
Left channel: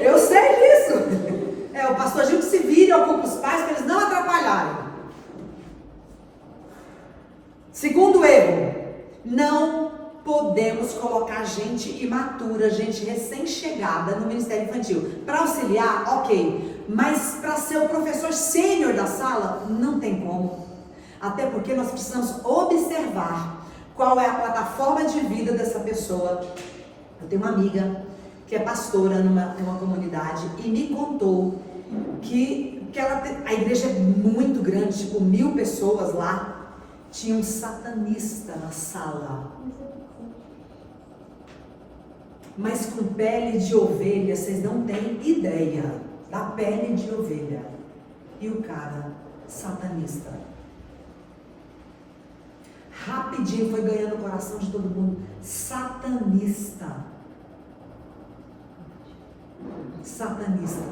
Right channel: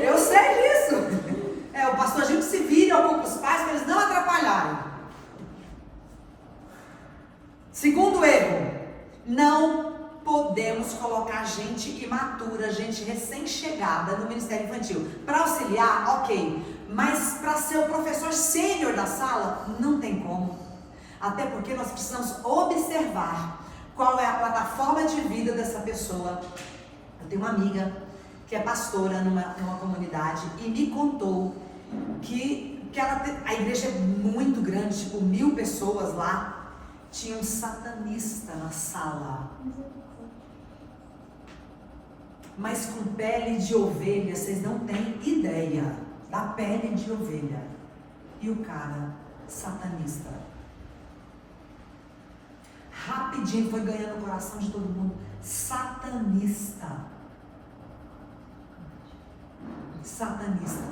Eu sei disso. É o pastor Gil que se vira e ocupa os pais para eles não atrapalharem. Segundo erro, não podemos colocar gente imatura, gente recém-chegada no ministério infantil. Para auxiliar, ok, mas para ser o professor sênior da sala, não tem como. Até porque nós precisamos observar qual é a plataforma de vida dessa pessoa. Eu tenho uma amiga que é pastora numa comunidade e me contou que a igreja é muito grande, tipo 1000 pessoas lá. Tinha um satanista na sala, mas com pele de ovelha, vocês não têm ideia da pele de ovelha. E o cara, satanista. Rapidinho foi ganhando o coração de todo mundo. Satanista. Satanista.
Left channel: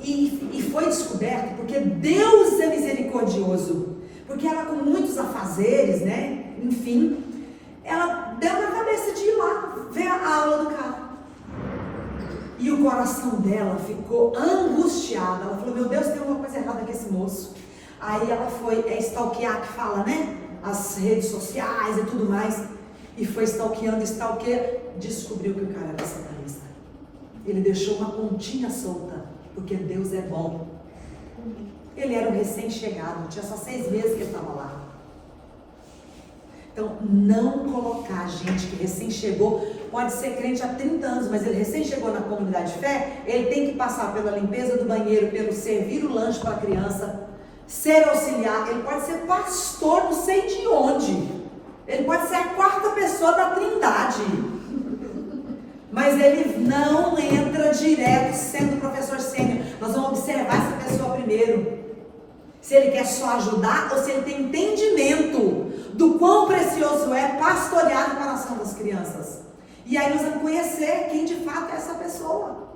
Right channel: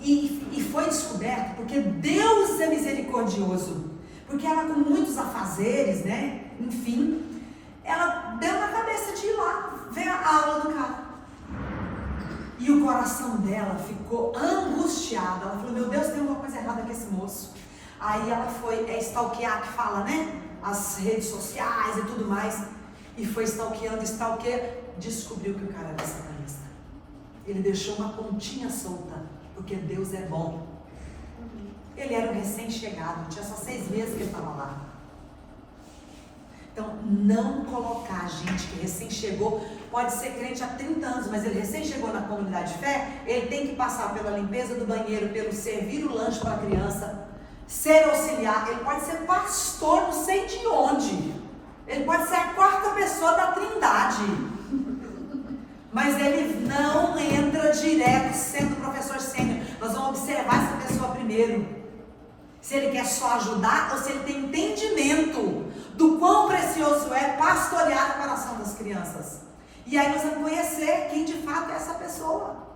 E foi descoberto porque Deus é misericordioso. Porque ela, com muitos afazeres, né? Enfim, ela deu na cabeça de ir lá ver a aula do cara. E o coração dela ficou angustiado. Ela falou: meu Deus, tem uma coisa errada com esse moço. Aí ela foi stalkear, que fala, né? As redes sociais e tudo mais. E foi stalkeando, descobriu que o cara era satanista. Ele deixou uma pontinha solta, porque Deus é bom. Ele era um recém-chegado, tinha só 6 meses que ele estava lá. Então, não colocar gente que recém chegou, pode ser crente há 30 anos, mas ele recém chegou na comunidade de fé, ele tem que passar pela limpeza do banheiro, pelo servir o lanche para a criança, ser auxiliar, ele pode ser pastor, não sei de onde, ele pode ser a 4ª pessoa da Trindade, mas ele não entra direto sendo professor sênior. Nós vamos observar essa pessoa primeiro. Se ele quer só ajudar ou se ele tem entendimento do quão precioso é pastorear o coração das crianças. E aí nós vamos conhecer quem de fato é essa pessoa.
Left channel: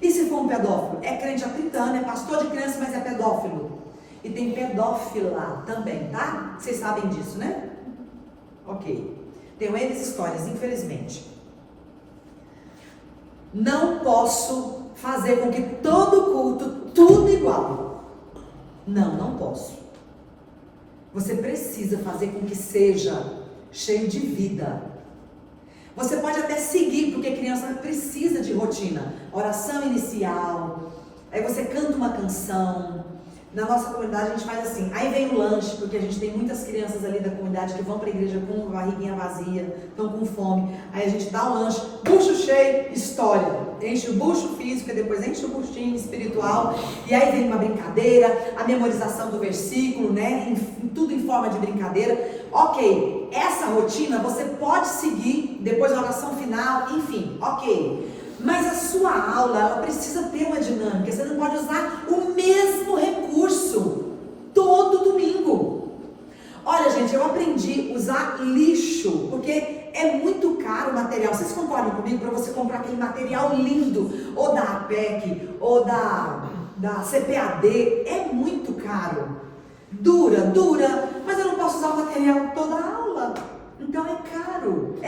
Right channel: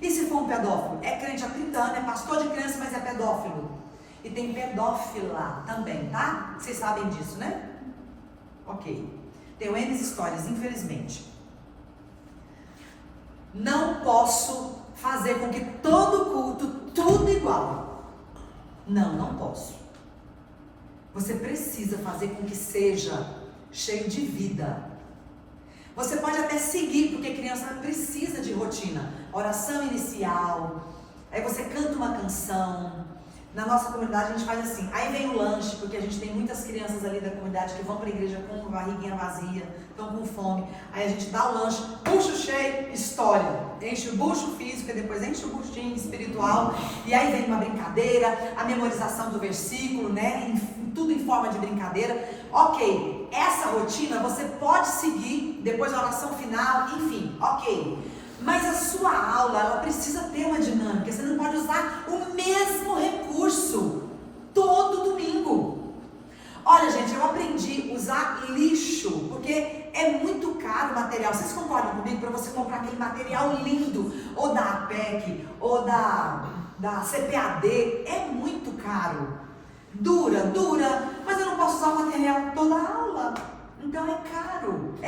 E se for um pedófilo? É crente há 30 anos, é pastor de criança, mas é pedófilo. E tem pedófila também, tá? Vocês sabem disso, né? Ok. Tenho N histórias, infelizmente. Não posso fazer com que todo culto, tudo igual. Não posso. Você precisa fazer com que seja cheio de vida. Você pode até seguir, porque criança precisa de rotina. Oração inicial, aí você canta uma canção. Na nossa comunidade a gente faz assim, aí vem o lanche, porque a gente tem muitas crianças ali da comunidade que vão para a igreja com barriguinha vazia, estão com fome. Aí a gente dá o lanche, bucho cheio, história. Enche o bucho físico e depois enche o buchinho espiritual. E aí vem uma brincadeira, a memorização do versículo, né? Tudo em forma de brincadeira. Ok, essa rotina você pode seguir depois da oração final, enfim, ok. Mas a sua aula, ela precisa ter uma dinâmica. Você não pode usar o mesmo recurso todo domingo. Olha, gente, eu aprendi a usar lixo, porque é muito caro o material. Vocês concordam comigo? Para você comprar aquele material lindo, ou da APEC, ou da CPAD, é muito caro. Dura, mas eu não posso usar o material toda a aula. Então é caro.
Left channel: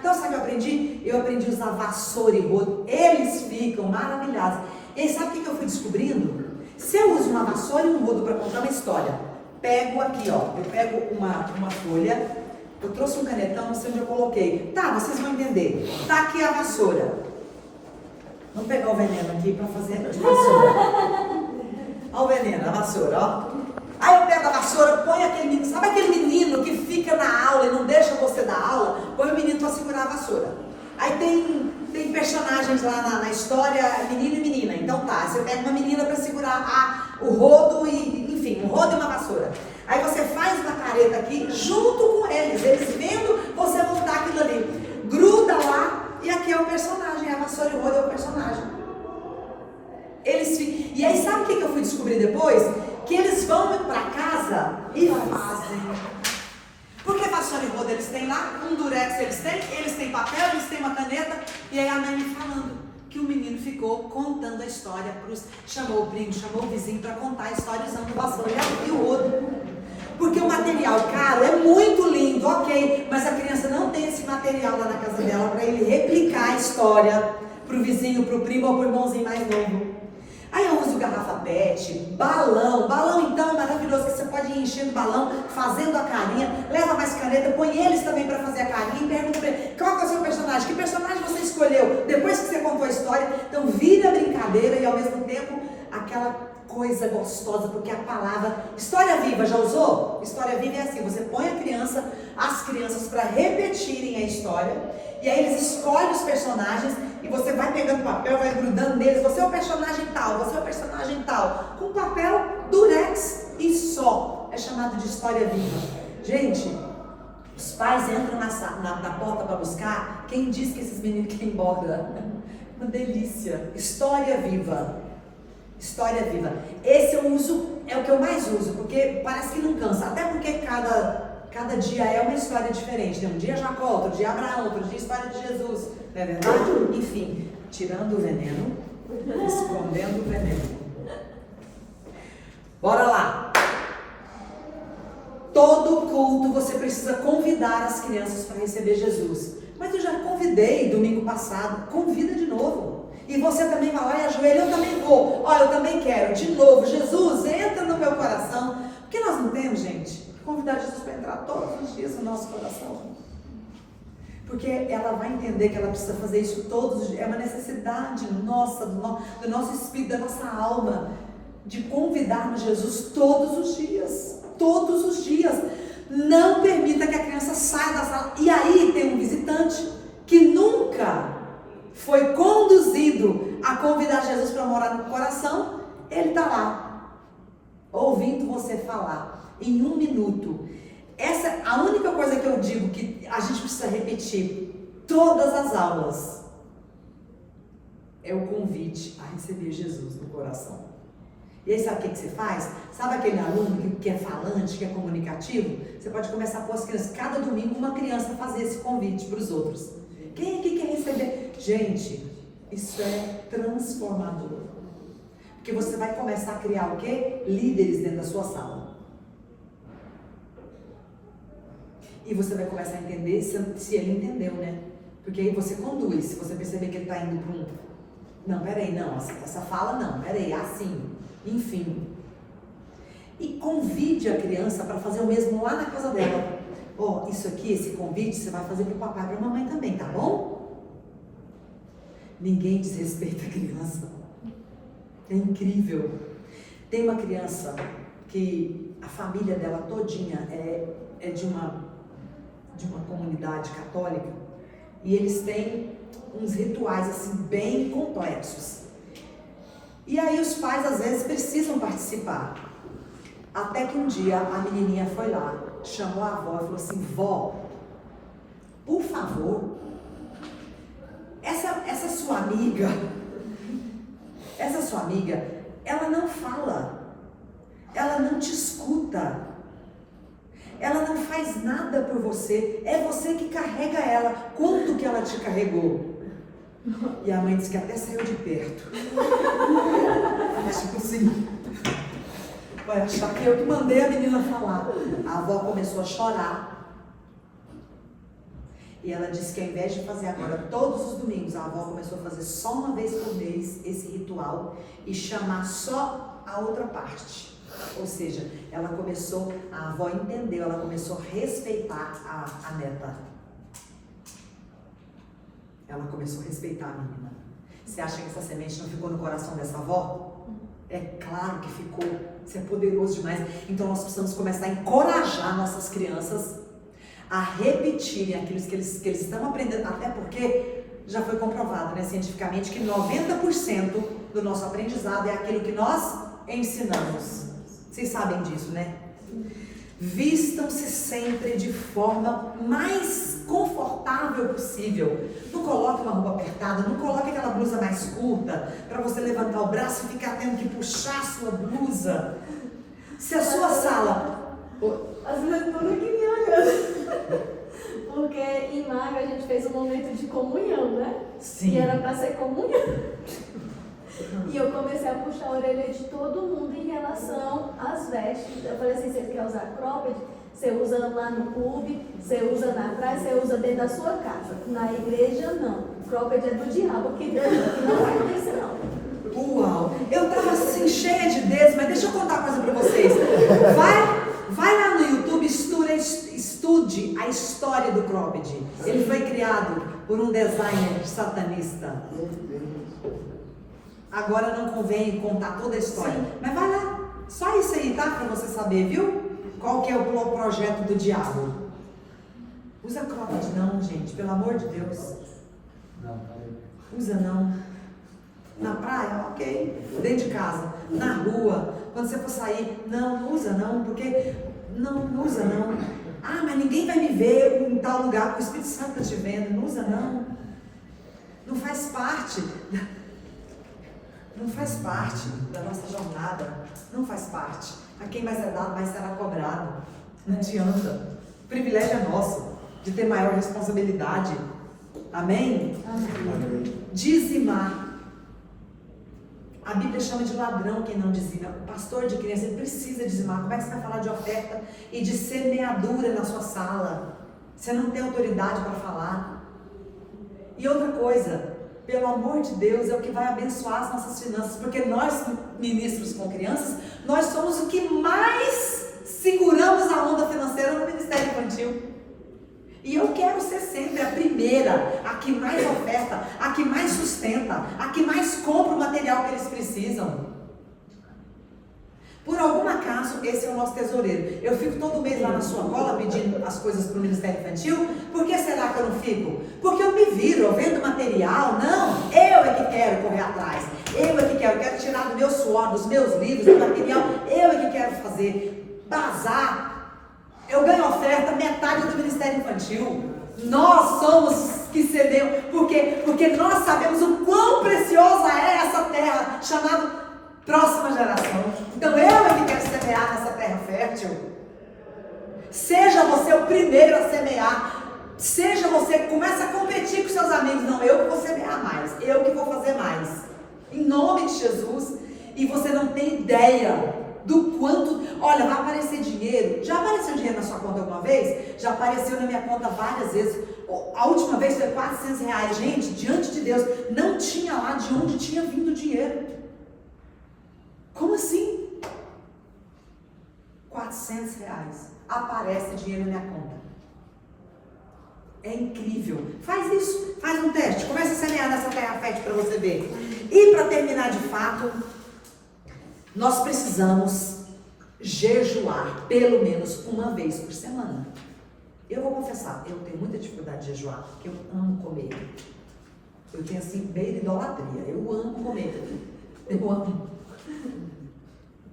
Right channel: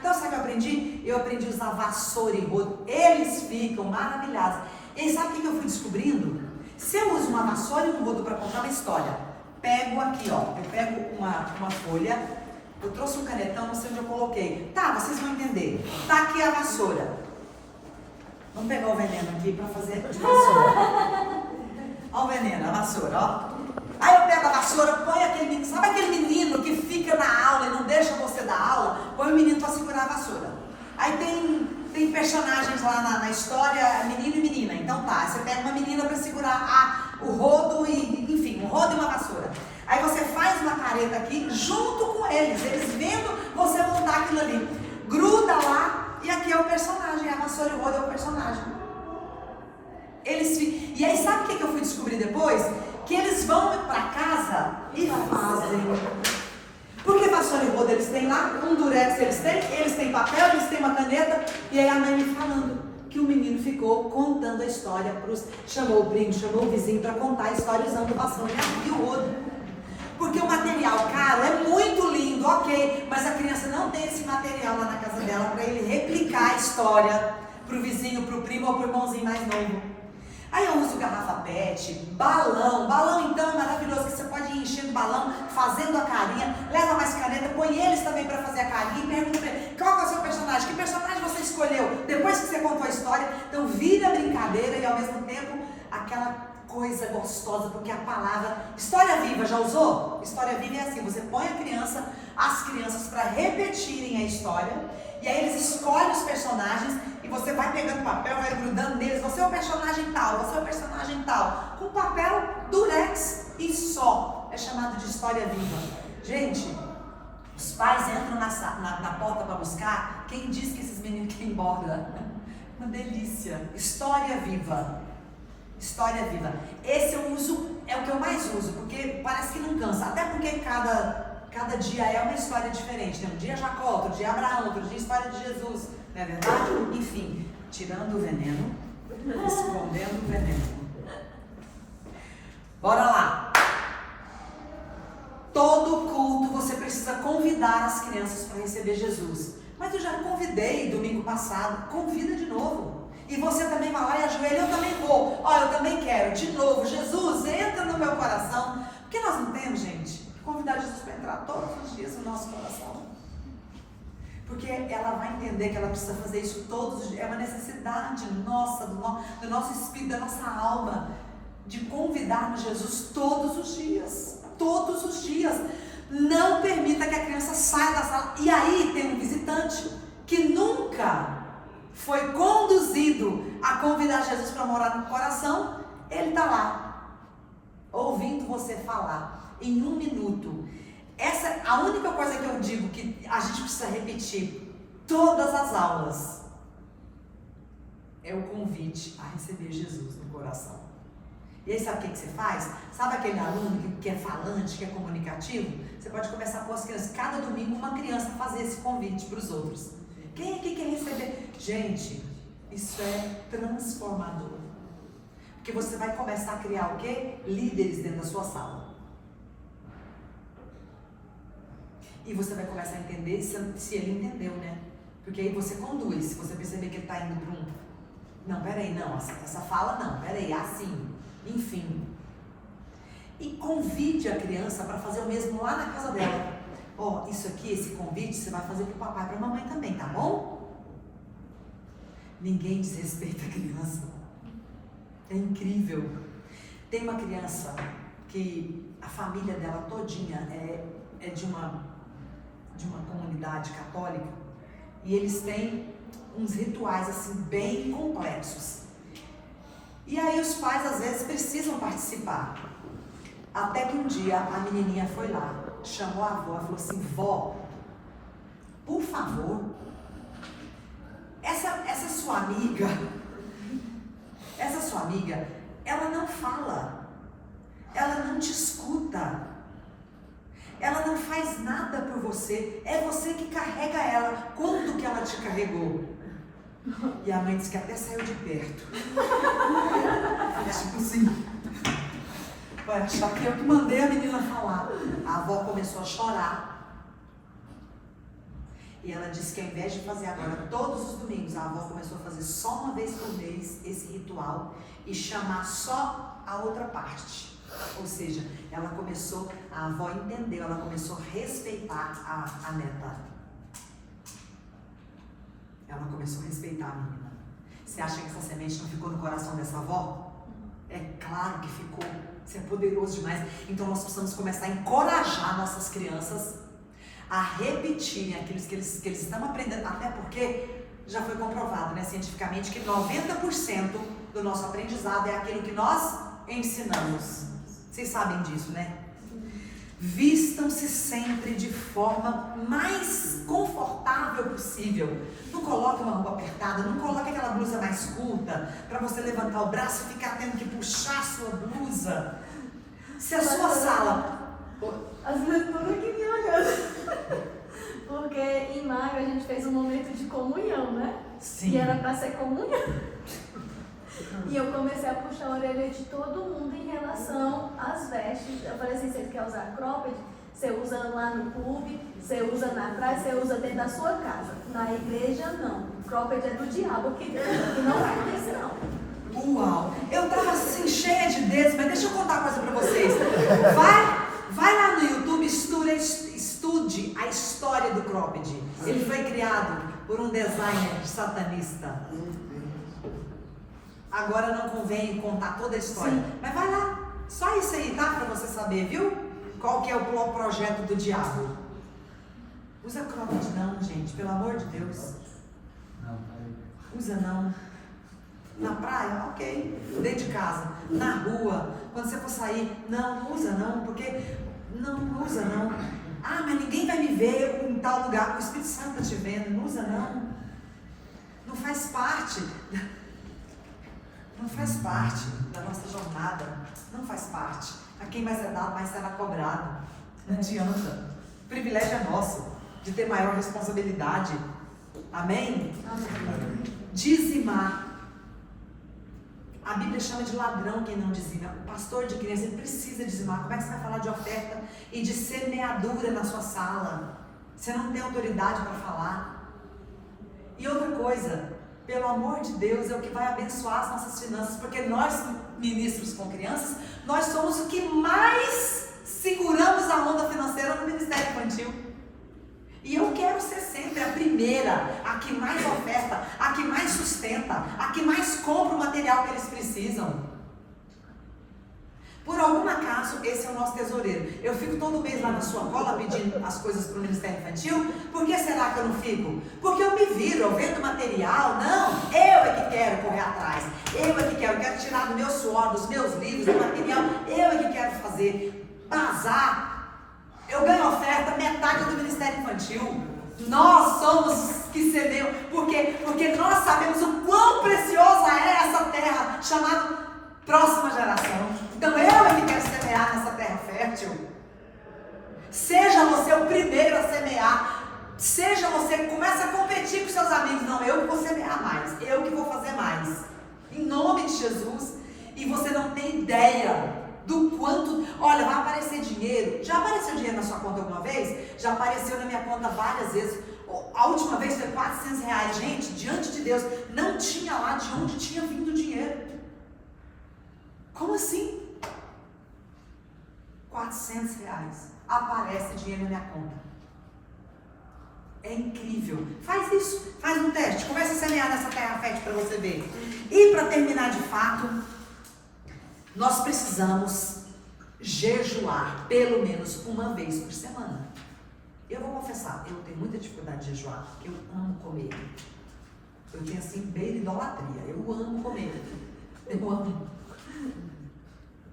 Então sabe o que eu aprendi? Eu aprendi a usar vassoura e rodo. Eles ficam maravilhados. E aí sabe o que eu fui descobrindo? Se eu uso uma vassoura e um rodo para contar uma história, pego aqui, ó, eu pego uma folha, eu trouxe um canetão, não sei onde eu coloquei. Tá, vocês vão entender. Tá aqui a vassoura. Vamos pegar o veneno aqui para fazer de vassoura. Olha o veneno, a vassoura, ó. Aí eu pego a vassoura, põe aquele menino, sabe aquele menino que fica na aula e não deixa você dar aula? Põe o menino para segurar a vassoura. Aí tem personagens lá na história, menino e menina. Então tá, você pega uma menina para segurar o rodo enfim, um rodo e uma vassoura. Aí você faz uma careta aqui junto com eles vendo você montar aquilo ali. Gruda lá e aqui é o personagem, a vassoura e o rodo é o personagem. E aí sabe o que eu fui descobrir depois? Que eles vão para casa e fazem. Porque vassoura e rodo eles têm lá, um durex eles têm papel, eles têm uma caneta. E aí a mãe me falando que o menino ficou contando a história, chamou o primo, chamou o vizinho para contar a história usando vassoura e o rodo. Porque o material caro é muito lindo, ok, mas a criança não tem esse material lá na casa dela para ele replicar a história para o vizinho, para o primo ou para o irmãozinho mais novo. Aí eu uso garrafa PET, balão então é maravilhoso, que você pode ir enchendo o balão, fazendo a carinha, leva mais caneta, põe eles também para fazer a carinha e pergunta para ele, qual é o seu personagem? Que personagem você escolheu depois que você contou a história? Então vira brincadeira e ao mesmo tempo aquela coisa gostosa, porque a palavra história viva, já usou? História viva é assim, você põe as crianças para repetirem a história, e aí eles escolhem os personagens, e você vai pegando papel, vai grudando neles, você é o personagem tal, você é o personagem tal, com papel durex e só, é chamado de história viva. Gente, os pais entram na porta para buscar, quem diz que esses meninos querem ir embora? Uma delícia, história viva. História viva. Esse eu uso, é o que eu mais uso, porque parece que não cansa. Até porque cada dia é uma história diferente. Tem um dia Jacó, outro dia Abraão, outro dia história de Jesus. Não é verdade? Enfim, tirando o veneno, escondendo o veneno. Bora lá. Todo culto você precisa convidar as crianças para receber Jesus. Mas eu já convidei domingo passado. Convida de novo. E você também vai lá e ajoelha, eu também vou. Olha, eu também quero. De novo, Jesus, entra no meu coração. Porque nós não temos, gente, convidar Jesus para entrar todos os dias no nosso coração. Porque ela vai entender que ela precisa fazer isso todos os dias. É uma necessidade nossa, do nosso espírito, da nossa alma, de convidar Jesus todos os dias. Todos os dias. Não permita que a criança saia da sala. E aí tem um visitante que nunca foi conduzido a convidar Jesus para morar no coração. Ele está lá, ouvindo você falar, em 1 minuto. Essa, a única coisa que eu digo que a gente precisa repetir todas as aulas é o convite a receber Jesus no coração. E aí sabe o que você faz? Sabe aquele aluno que é falante, que é comunicativo? Você pode começar a pôr as crianças, cada domingo uma criança fazer esse convite para os outros. Quem aqui quer receber? Gente, isso é transformador. Porque você vai começar a criar o quê? Líderes dentro da sua sala. E você vai começar a entender se ele entendeu, né? Porque aí você conduz, se você perceber que ele está indo para um... Não, peraí, não, essa fala não, peraí, assim, enfim. E convide a criança para fazer o mesmo lá na casa dela. Ó, isso aqui, esse convite, você vai fazer para o papai e para a mamãe também, tá bom? Ninguém desrespeita a criança. É incrível. Tem uma criança que a família dela todinha é de uma comunidade católica, e eles têm uns rituais assim bem complexos. E aí os pais às vezes precisam participar. Até que um dia a menininha foi lá, chamou a avó e falou assim: vó, por favor, essa sua amiga, ela não fala, ela não te escuta, ela não faz nada por você, é você que carrega ela. Quanto que ela te carregou? E a mãe disse que até saiu de perto. Tipo assim, vai achar que eu que mandei a menina falar. A avó começou a chorar. E ela disse que ao invés de fazer agora todos os domingos, a avó começou a fazer só uma vez por mês esse ritual e chamar só a outra parte. Ou seja, ela começou, a avó entendeu, ela começou a respeitar a neta. Ela começou a respeitar a menina. Você acha que essa semente não ficou no coração dessa avó? É claro que ficou. Isso é poderoso demais. Então nós precisamos começar a encorajar nossas crianças a repetirem aquilo que eles estão aprendendo. Até porque já foi comprovado, né, cientificamente, que 90% do nosso aprendizado é aquilo que nós ensinamos. Vocês sabem disso, né? Vistam-se sempre de forma mais confortável possível. Não coloque uma roupa apertada, não coloque aquela blusa mais curta para você levantar o braço e ficar tendo que puxar a sua blusa. Se a sua sala... Às vezes tudo que me olhando. Porque em maio a gente fez um momento de comunhão, né? Sim. E era para ser comunhão. E eu comecei a puxar a orelha de todo mundo em relação às vestes. Eu falei assim, você quer usar cropped? Você usa lá no clube, você usa na praia, você usa dentro da sua casa. Na igreja, não. Cropped é do diabo, que não vai ter não. Uau! Eu tava assim, cheia de dedos, mas deixa eu contar uma coisa pra vocês. Vai lá no YouTube, estude a história do cropped. Ele foi criado por um designer satanista. Agora não convém contar toda a história. Sim. Mas vai lá, só isso aí, tá? Pra você saber, viu? Qual que é o projeto do diabo. Usa cropped não, gente, pelo amor de Deus. Usa não. Na praia, ok. Dentro de casa, na rua, quando você for sair, não usa não, porque não usa não. Ah, mas ninguém vai me ver em tal lugar, o Espírito Santo está te vendo. Não usa não. Não faz parte da nossa jornada. Não faz parte. A quem mais é dado, mais será cobrado. Não adianta. O privilégio é nosso de ter maior responsabilidade. Amém? Amém. Dizimar. A Bíblia chama de ladrão quem não dizima. O pastor de criança, ele precisa dizimar. Como é que você vai falar de oferta e de semeadura na sua sala? Você não tem autoridade para falar. E outra coisa, pelo amor de Deus, é o que vai abençoar as nossas finanças. Porque nós, ministros com crianças, nós somos o que mais seguramos a onda financeira no Ministério Infantil. E eu quero ser sempre a primeira, a que mais oferta, a que mais sustenta, a que mais compra o material que eles precisam. Por algum acaso, esse é o nosso tesoureiro. Eu fico todo mês lá na sua cola pedindo as coisas para o Ministério Infantil. Por que será que eu não fico? Porque eu me viro, eu vendo material. Não, eu é que quero correr atrás. Eu é que quero tirar do meu suor, dos meus livros, do material. Eu é que quero fazer bazar. Eu ganho oferta, metade do Ministério Infantil. Nós somos que cedemos. Por quê? Porque nós sabemos o quão preciosa é essa terra, chamada próxima geração. Então eu é que quero semear nessa terra fértil. Seja você o primeiro a semear. Seja você, começa a competir com seus amigos. Não, eu que vou semear mais. Eu que vou fazer mais. Em nome de Jesus. E você não tem ideia do quanto, olha, vai aparecer dinheiro. Já apareceu dinheiro na sua conta alguma vez? Já apareceu na minha conta várias vezes. A última vez foi R$400. Gente, diante de Deus, não tinha lá de onde tinha vindo o dinheiro. Como assim? R$400. Aparece dinheiro na minha conta. É incrível. Faz isso, faz um teste. Começa a semear nessa terra fértil para você ver. E para terminar de fato, nós precisamos jejuar pelo menos uma vez por semana. Eu vou confessar, eu tenho muita dificuldade de jejuar, porque eu amo comer. Eu tenho assim, beira idolatria. Eu amo comer. Eu amo.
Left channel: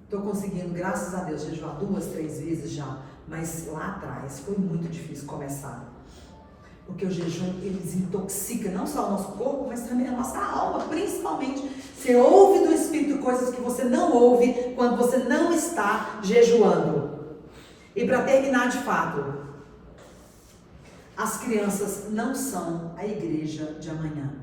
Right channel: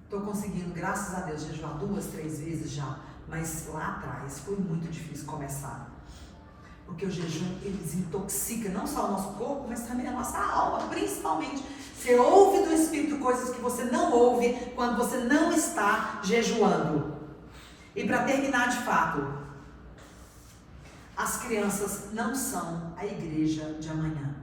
Estou conseguindo, graças a Deus, jejuar 2, 3 vezes já. Mas lá atrás foi muito difícil começar. Porque o jejum, ele desintoxica não só o nosso corpo, mas também a nossa alma, principalmente. Você ouve do Espírito coisas que você não ouve quando você não está jejuando. E para terminar de fato, as crianças não são a igreja de amanhã.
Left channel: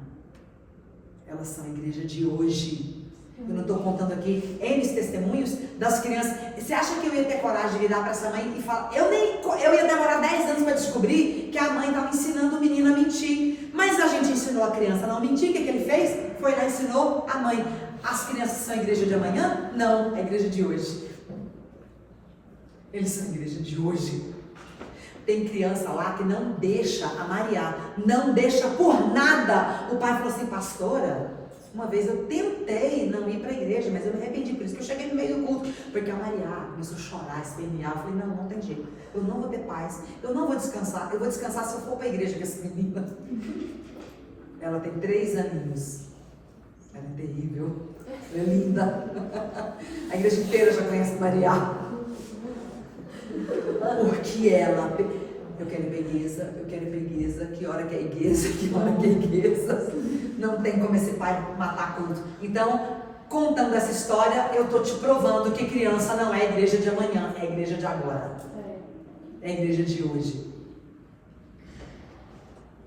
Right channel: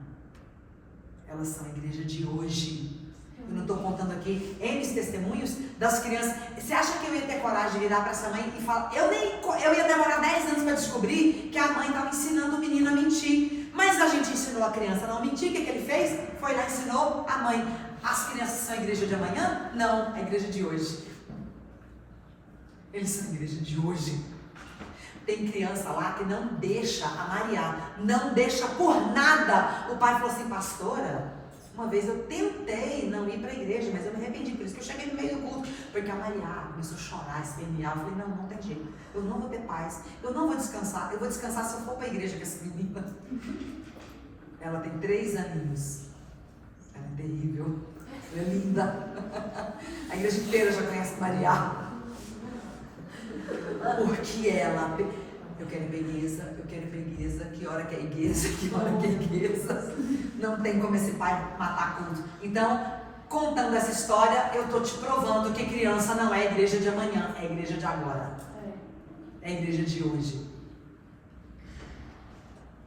Elas são a igreja de hoje. Eu não estou contando aqui N testemunhos das crianças. Você acha que eu ia ter coragem de virar para essa mãe e falar? Eu ia demorar 10 anos para descobrir que a mãe estava ensinando o menino a mentir. Mas a gente ensinou a criança a não mentir. O que ele fez? Foi lá e ensinou a mãe. As crianças são a igreja de amanhã? Não, a igreja de hoje. Eles são a igreja de hoje. Tem criança lá que não deixa a Maria, não deixa por nada. O pai falou assim, pastora, uma vez eu tentei não ir para a igreja, mas eu me arrependi, por isso que eu cheguei no meio do culto, porque a Maria começou a chorar, espernear. Eu falei, não tem jeito, eu não vou ter paz, eu não vou descansar, eu vou descansar se eu for para a igreja com essa menina. Ela tem 3 aninhos, ela é terrível, ela é linda, a igreja inteira já conhece a Maria. Porque ela, eu quero pegueza, que hora que é igreja, que hora que é igreja. Não tem como esse pai matar culto. Então, contando essa história, eu estou te provando que criança não é a igreja de amanhã, é a igreja de agora. É a igreja de hoje.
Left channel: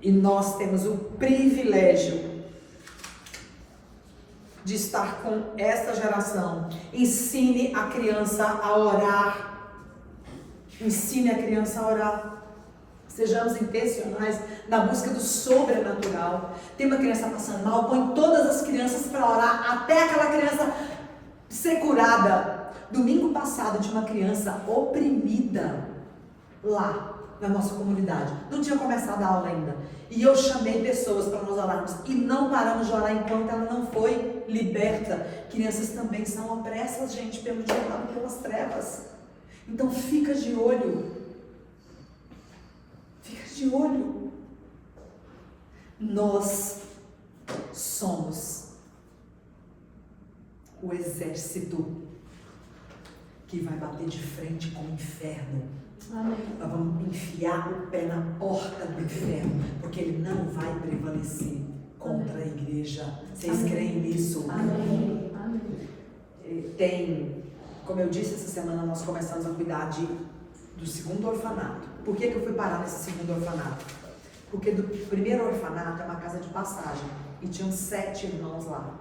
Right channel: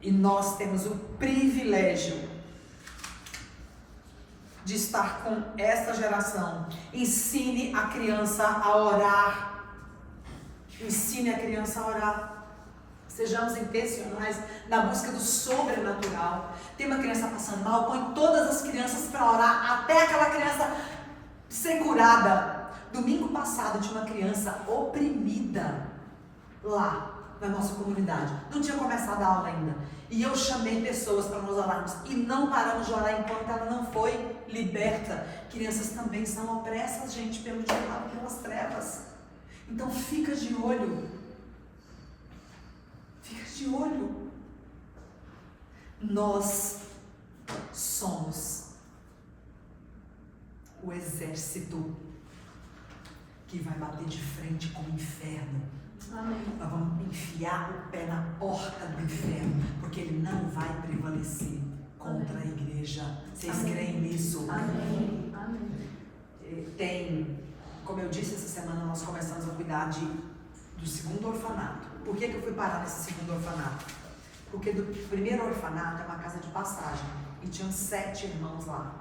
E nós temos o privilégio de estar com esta geração. Ensine a criança a orar. Ensine a criança a orar. Sejamos intencionais na busca do sobrenatural. Tem uma criança passando mal, põe todas as crianças para orar até aquela criança ser curada. Domingo passado tinha uma criança oprimida lá na nossa comunidade. Não tinha começado a aula ainda. E eu chamei pessoas para nós orarmos. E não paramos de orar enquanto ela não foi liberta. Crianças também são opressas, gente, pelo diabo, pelas trevas. Então fica de olho. Fica de olho. Nós somos o exército que vai bater de frente com o inferno. Amém. Nós vamos enfiar o pé na porta do inferno, porque ele não vai prevalecer contra a igreja. Vocês Amém. Creem nisso? Amém. Tem, como eu disse, essa semana nós começamos a cuidar do segundo orfanato. Por que eu fui parar nesse segundo orfanato? Porque do primeiro orfanato é uma casa de passagem e tinham 7 irmãos lá.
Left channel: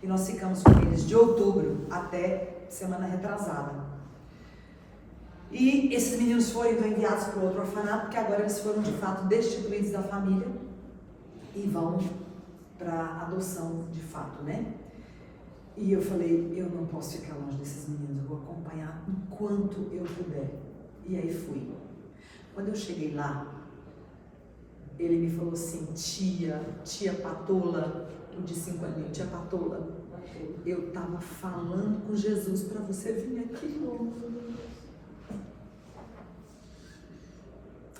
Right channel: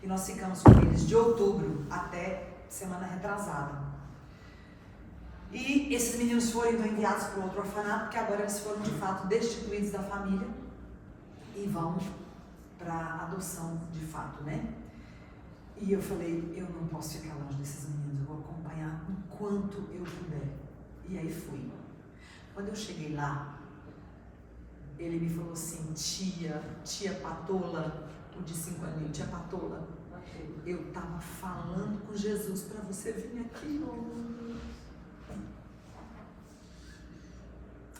E nós ficamos com eles de outubro até semana retrasada. E esses meninos foram então enviados para o outro orfanato, porque agora eles foram de fato destituídos da família e vão para adoção de fato, né? E eu falei, eu não posso ficar longe desses meninos, eu vou acompanhar enquanto eu puder. E aí fui. Quando eu cheguei lá, ele me falou assim, tia Patola, o de 5 aninhos, tia Patola, eu estava falando com Jesus para você vir aqui.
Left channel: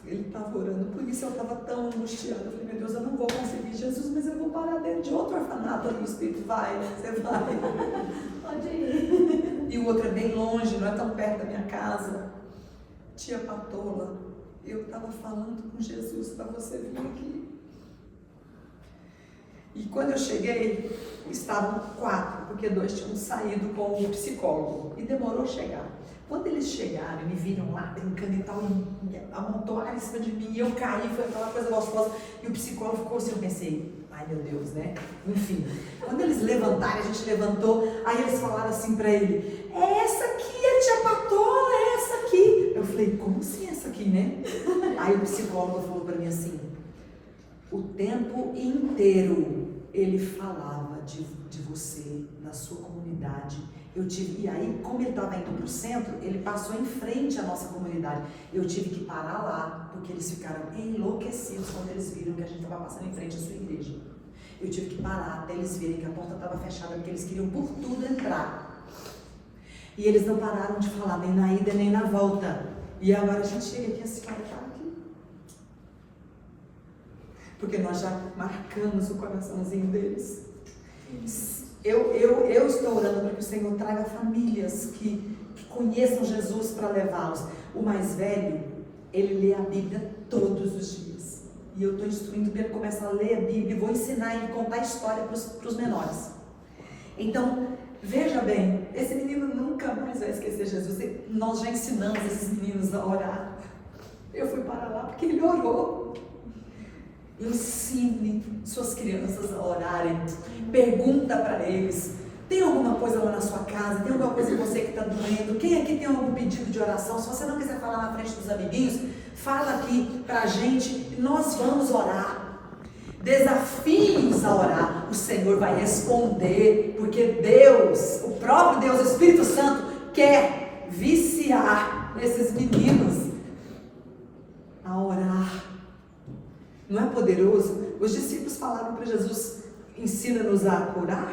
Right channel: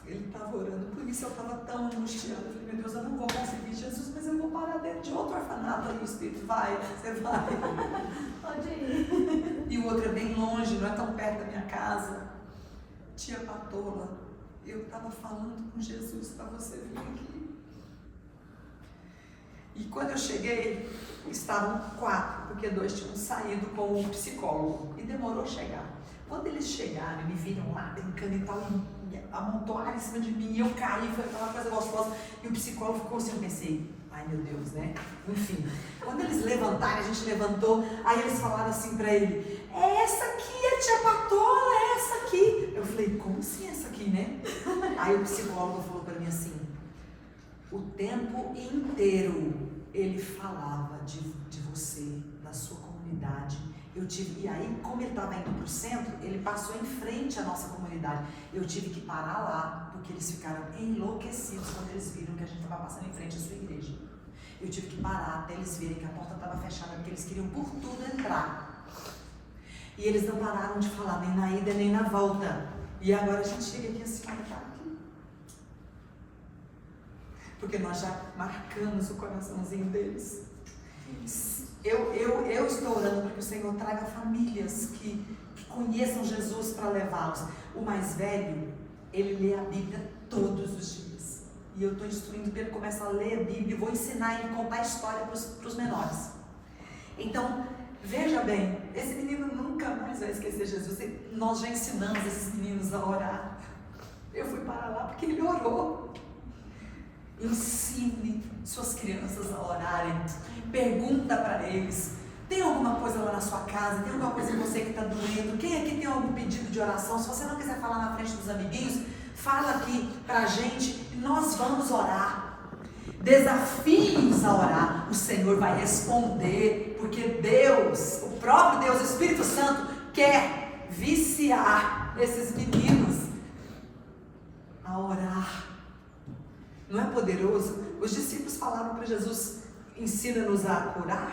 Ele estava orando, por isso eu estava tão angustiada. Eu falei, meu Deus, eu não vou conseguir, Jesus, mas eu vou parar dentro de outro orfanato. Aí o Espírito vai, você vai. Pode ir. E o outro é bem longe, não é tão perto da minha casa. Tia Patola, eu estava falando com Jesus para você vir aqui. E quando eu cheguei, estavam 4, porque 2 tinham saído com o psicólogo. E demorou a chegar. Quando eles chegaram e me viram lá brincando e tal, e amontoaram em cima de mim, e eu caí, foi aquela coisa gostosa, e o psicólogo ficou assim, eu pensei, ai meu Deus, né? Enfim, quando eles levantaram, a gente levantou, aí eles falaram assim pra ele, é essa aqui, a tia Patola, é essa aqui. Eu falei, como assim essa aqui, né? Aí o psicólogo falou pra mim assim, o tempo inteiro ele falava de você, da sua comunidade. E aí, como ele estava indo para o centro, ele passou em frente à nossa comunidade. Eu tive que parar lá, porque eles ficaram enlouquecidos quando eles viram que a gente estava passando em frente à sua igreja. Eu tive que parar até eles verem que a porta estava fechada, porque eles queriam por tudo entrar. E eles não pararam de falar, nem na ida, nem na volta. E agora a gente chega aqui, a senhora está aqui. Porque nós já marcamos o coraçãozinho deles. Eu estou orando para que o Senhor traga famílias que conheçam Jesus para levá-los. O mais velho, ele lê a Bíblia todos os dias. E eu estou instruindo para ele começar a ler a Bíblia. Vou ensinar ele a contar a história para os menores. Então, Veja bem, esse menino nunca mais vai esquecer Jesus. Nós já ensinamos esses meninos a orar. Eu fui para lá porque ele orou. Ensine suas crianças a orarem. Pergunta para eles: tem alguma coisa lá na sua casa? Tem alguma coisa em você que está doendo? Quem aqui tem algum pedido de oração? Se você não quiser falar na frente dos amiguinhos, fala aqui para a gente e nós vamos orar. Desafie-os a orar. O Senhor vai responder, porque Deus, o próprio Deus, o Espírito Santo, quer viciar esses meninos a orar. Não é poderoso? Os discípulos falaram para Jesus: ensina-nos a curar,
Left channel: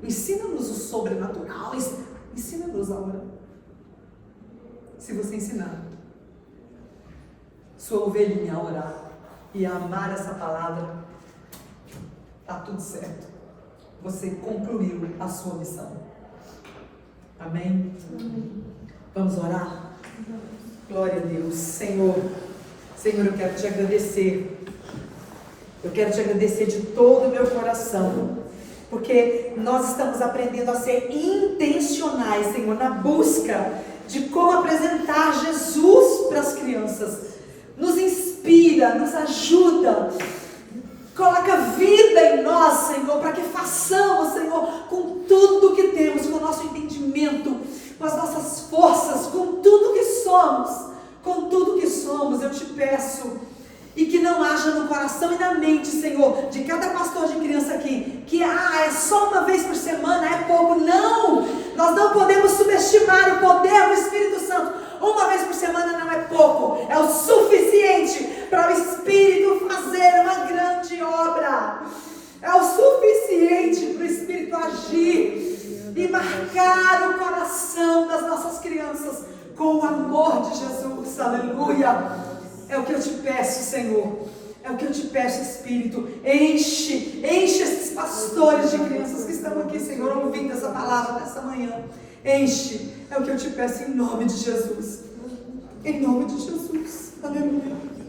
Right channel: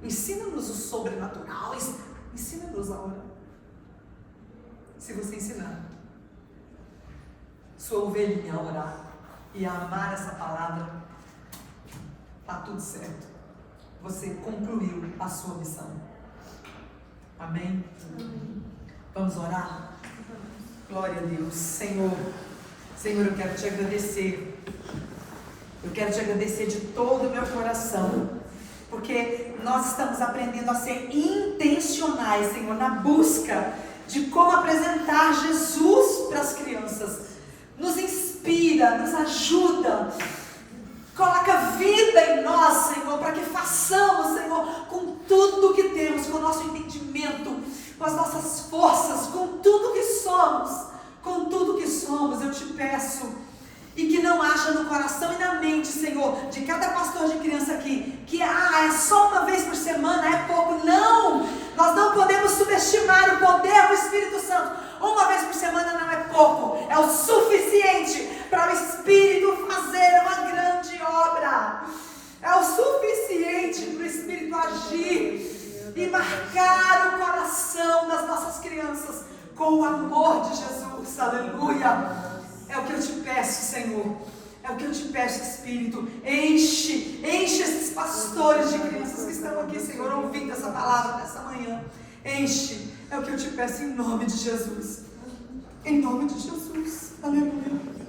ensina-nos o sobrenatural, ensina-nos a orar. Se você ensinar sua ovelhinha a orar e a amar essa palavra, está tudo certo. Você concluiu a sua missão. Amém? Vamos orar? Glória a Deus. Senhor, eu quero te agradecer. Eu quero te agradecer de todo o meu coração, porque nós estamos aprendendo a ser intencionais, Senhor, na busca de como apresentar Jesus para as crianças. Nos inspira, nos ajuda, coloca vida em nós, Senhor, para que façamos, Senhor, com tudo que temos, com o nosso entendimento, com as nossas forças, com tudo que somos, eu te peço. E que não haja no coração e na mente, Senhor, de cada pastor de criança aqui, que é só uma vez por semana, é pouco. Não! Nós não podemos subestimar o poder do Espírito Santo. Uma vez por semana não é pouco, é o suficiente para o Espírito fazer uma grande obra. É o suficiente para o Espírito agir e marcar o coração das nossas crianças com o amor de Jesus. Aleluia! É o que eu te peço, Senhor. É o que eu te peço, Espírito. Enche esses pastores de crianças que estão aqui, Senhor, ouvindo essa palavra nessa manhã. Enche. É o que eu te peço em nome de Jesus. Em nome de Jesus. Aleluia.